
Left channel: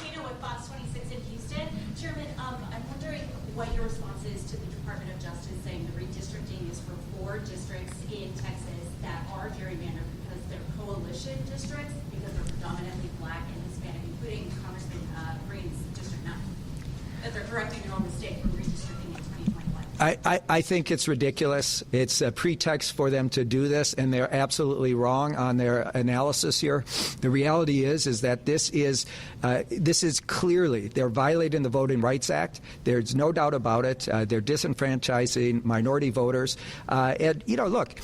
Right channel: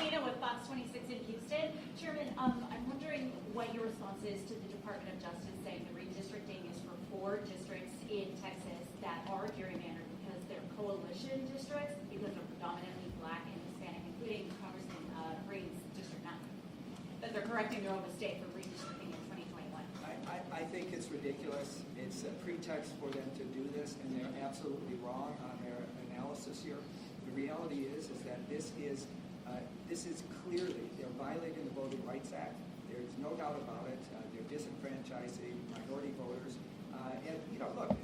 Nina with Fox 26 in Houston. Chairman, I'm wondering what your response is to the Department of Justice saying the redistricting is for 4 districts in Texas that are gerrymandered because they're coalition districts, because they're predominantly black and Hispanic, including Congressman Green's District 9, that they're correcting their own mistake for redistricting in 2021. I think it's ridiculous. It's a pretext for them to do this, and they're absolutely wrong on their analysis here. The reality is that this is clearly, they're violating the Voting Rights Act. There's no doubt about it. They're disenfranchising minority voters. Look,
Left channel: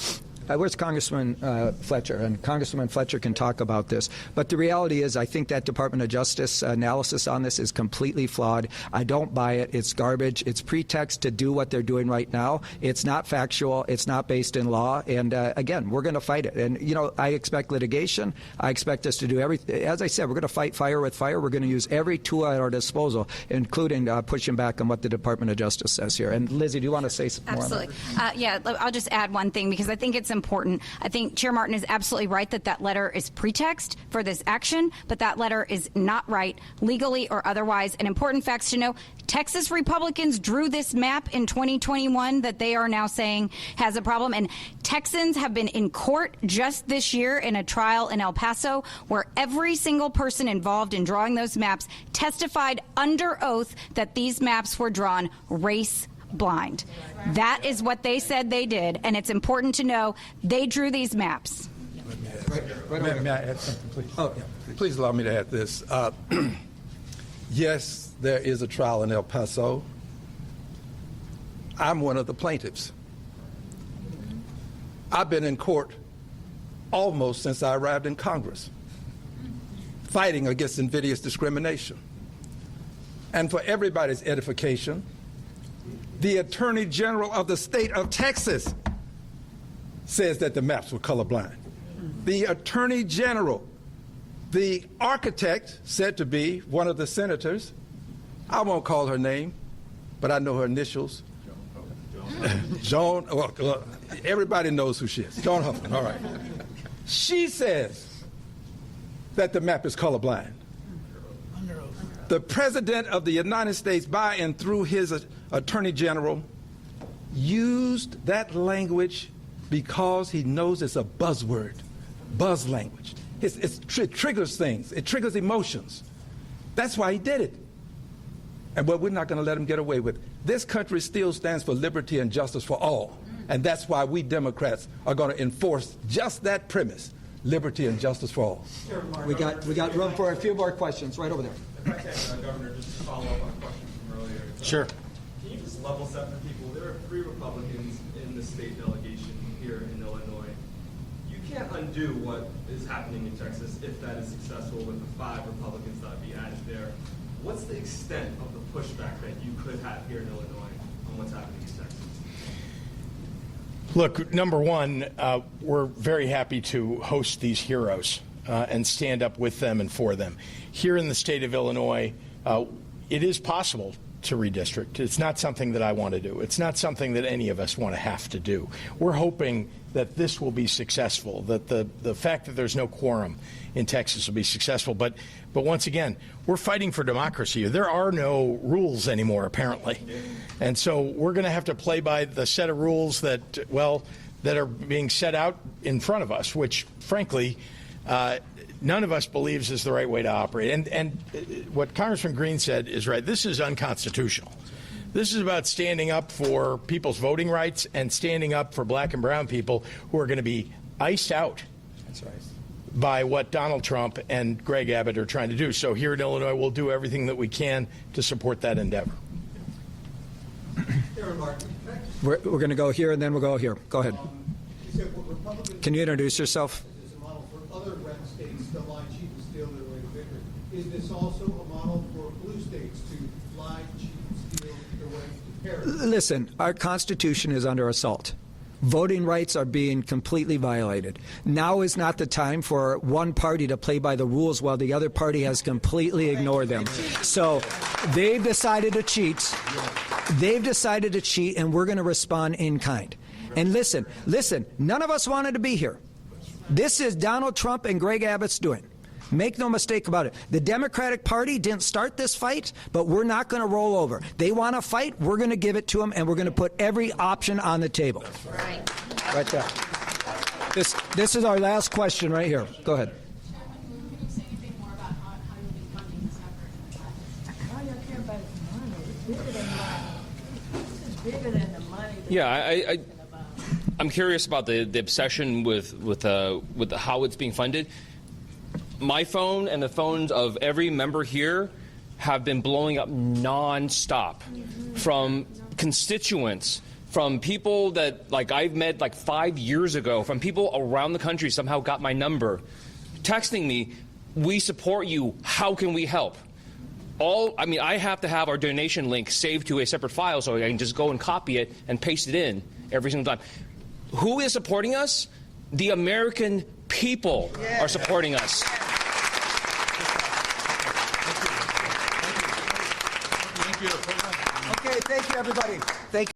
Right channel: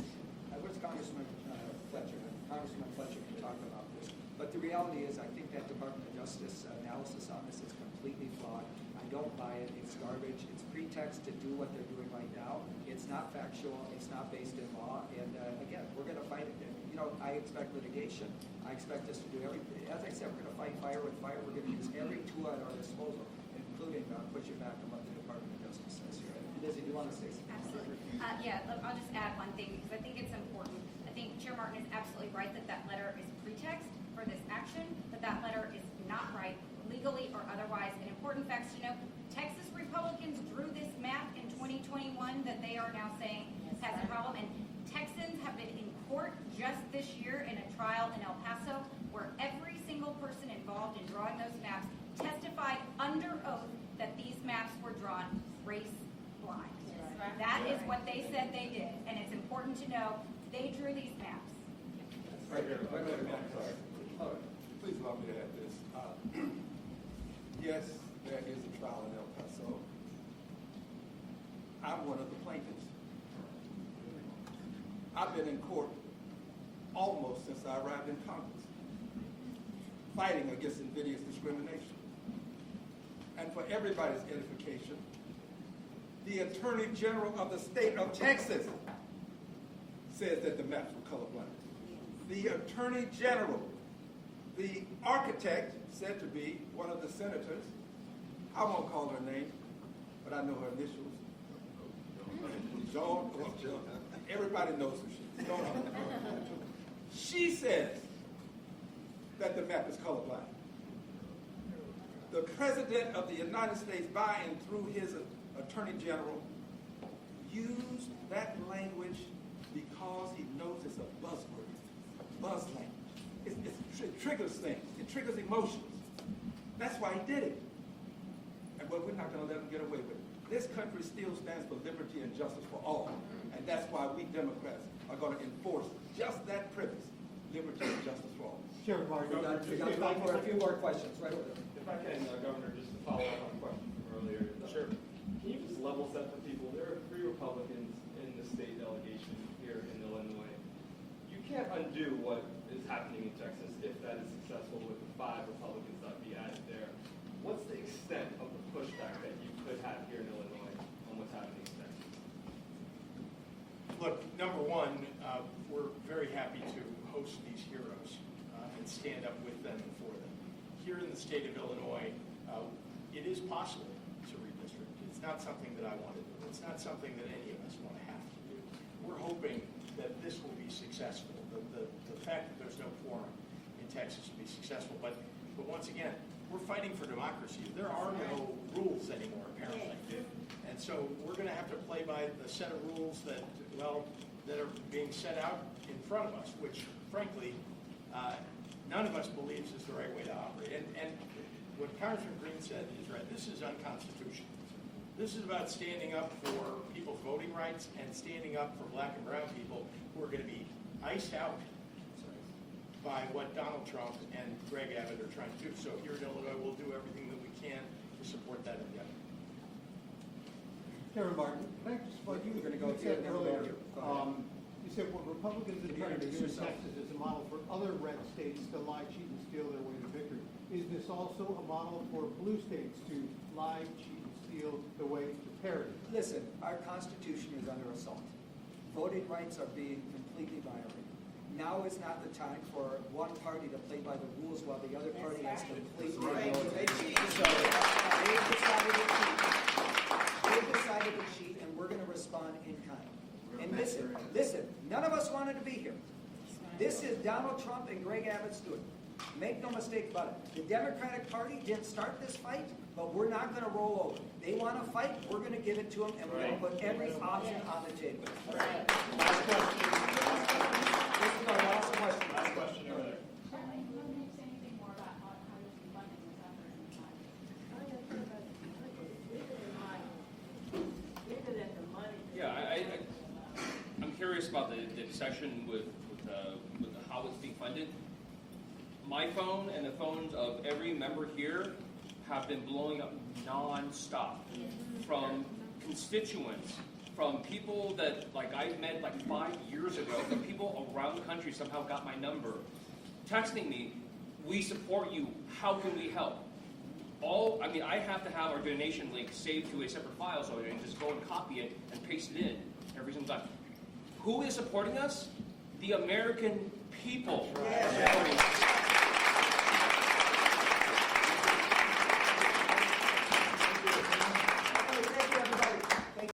where's Congressman Fletcher? And Congressman Fletcher can talk about this. But the reality is I think that Department of Justice analysis on this is completely flawed. I don't buy it. It's garbage. It's pretext to do what they're doing right now. It's not factual. It's not based in law. And, again, we're going to fight it. And, I expect litigation. I expect us to do everything. As I said, we're going to fight fire with fire. We're going to use every tool at our disposal, including pushing back on what the Department of Justice says here. And, Lizzie, do you want to say some more on that? Absolutely. I'll just add one thing because I think it's important. I think Chair Martin is absolutely right that letter is pretext for this action, but that letter is not right legally or otherwise. And important facts to know, Texas Republicans drew this map in 2021 that they are now saying has a problem. And Texans have been in court just this year in a trial in El Paso where every single person involved in drawing those maps testified under oath that these maps were drawn race blind. That is what they said they did, and it's important to know they drew these maps. May I add something, please? Oh, yeah. Please allow me to add this. Yes, there is a trial in El Paso. I'm one of the plaintiffs. I've been in court almost since I arrived in Congress, fighting against invidious discrimination. And for everybody's edification, the Attorney General of the state of Texas says that the maps were colorblind. The Attorney General, the architect said to be one of the senators, I won't call her name, but I know her initials. Joan, well, everybody knows who she is. Joan Huffman, all right. She says that the map is colorblind. The President of the United States, by and through his Attorney General, used that language because he knows it's a buzzword, buzz language. It triggers things. It triggers emotions. That's why he did it. But we're not going to let him get away with it. This country still stands for liberty and justice for all. And that's why we Democrats are going to enforce just that premise, liberty and justice for all. We got room for a few more questions right over there. If I can, Governor, just to follow up on a question from earlier. Sure. Can you just level set for people 3 Republicans in the state delegation here in Illinois. You can't undo what is happening in Texas if that is successful with the 5 Republicans that would be added there. What's the extent of the pushback that you could have here in Illinois on what's happening in Texas? Look, number one, we're very happy to host these heroes and stand up with them and for them. Here in the state of Illinois, it is possible to redistrict. It's not something that I want to do. It's not something that any of us want to have to do. We're hoping that this will be successful, that the fact that there's no quorum in Texas will be successful. But once again, we're fighting for democracy. There are no rules anymore, apparently. And so we're going to have to play by the set of rules that, well, that are being set out in front of us, which, frankly, none of us believes is the right way to operate. And what Congressman Green said is right. This is unconstitutional. This is about standing up for people's voting rights and standing up for black and brown people who are going to be iced out. That's right. By what Donald Trump and Greg Abbott are trying to do. So here in Illinois, we'll do everything that we can to support that endeavor. We're going to go here and then we'll go here. Go ahead. Can you introduce yourself? It's a model for other red states to lie, cheat, and steal their way to victory. Is this also a model for blue states to lie, cheat, and steal their way to parity? Listen, our Constitution is under assault. Voting rights are being completely violated. Now is not the time for one party to play by the rules while the other party has completely ignored them. So they've decided to cheat. They've decided to cheat, and we're going to respond in kind. And listen, none of us wanted to be here. This is Donald Trump and Greg Abbott's doing. Make no mistake about it. The Democratic Party didn't start this fight, but we're not going to roll over. They want to fight, we're going to give it to them, and we're going to put every option on the table. Right there. This is our last question right here. Go ahead. Yeah, I'm curious about the obsession with how it's being funded. My phone and the phones of every member here have been blowing up nonstop from constituents, from people that I've met 5 years ago, from people around the country somehow got my number, texting me, "We support you. How can we help?" I have to have our donation link saved to a separate file so I can just go and copy it and paste it in every single time. Who is supporting us? The American people are supporting us. Okay, thank you, everybody. Thank you.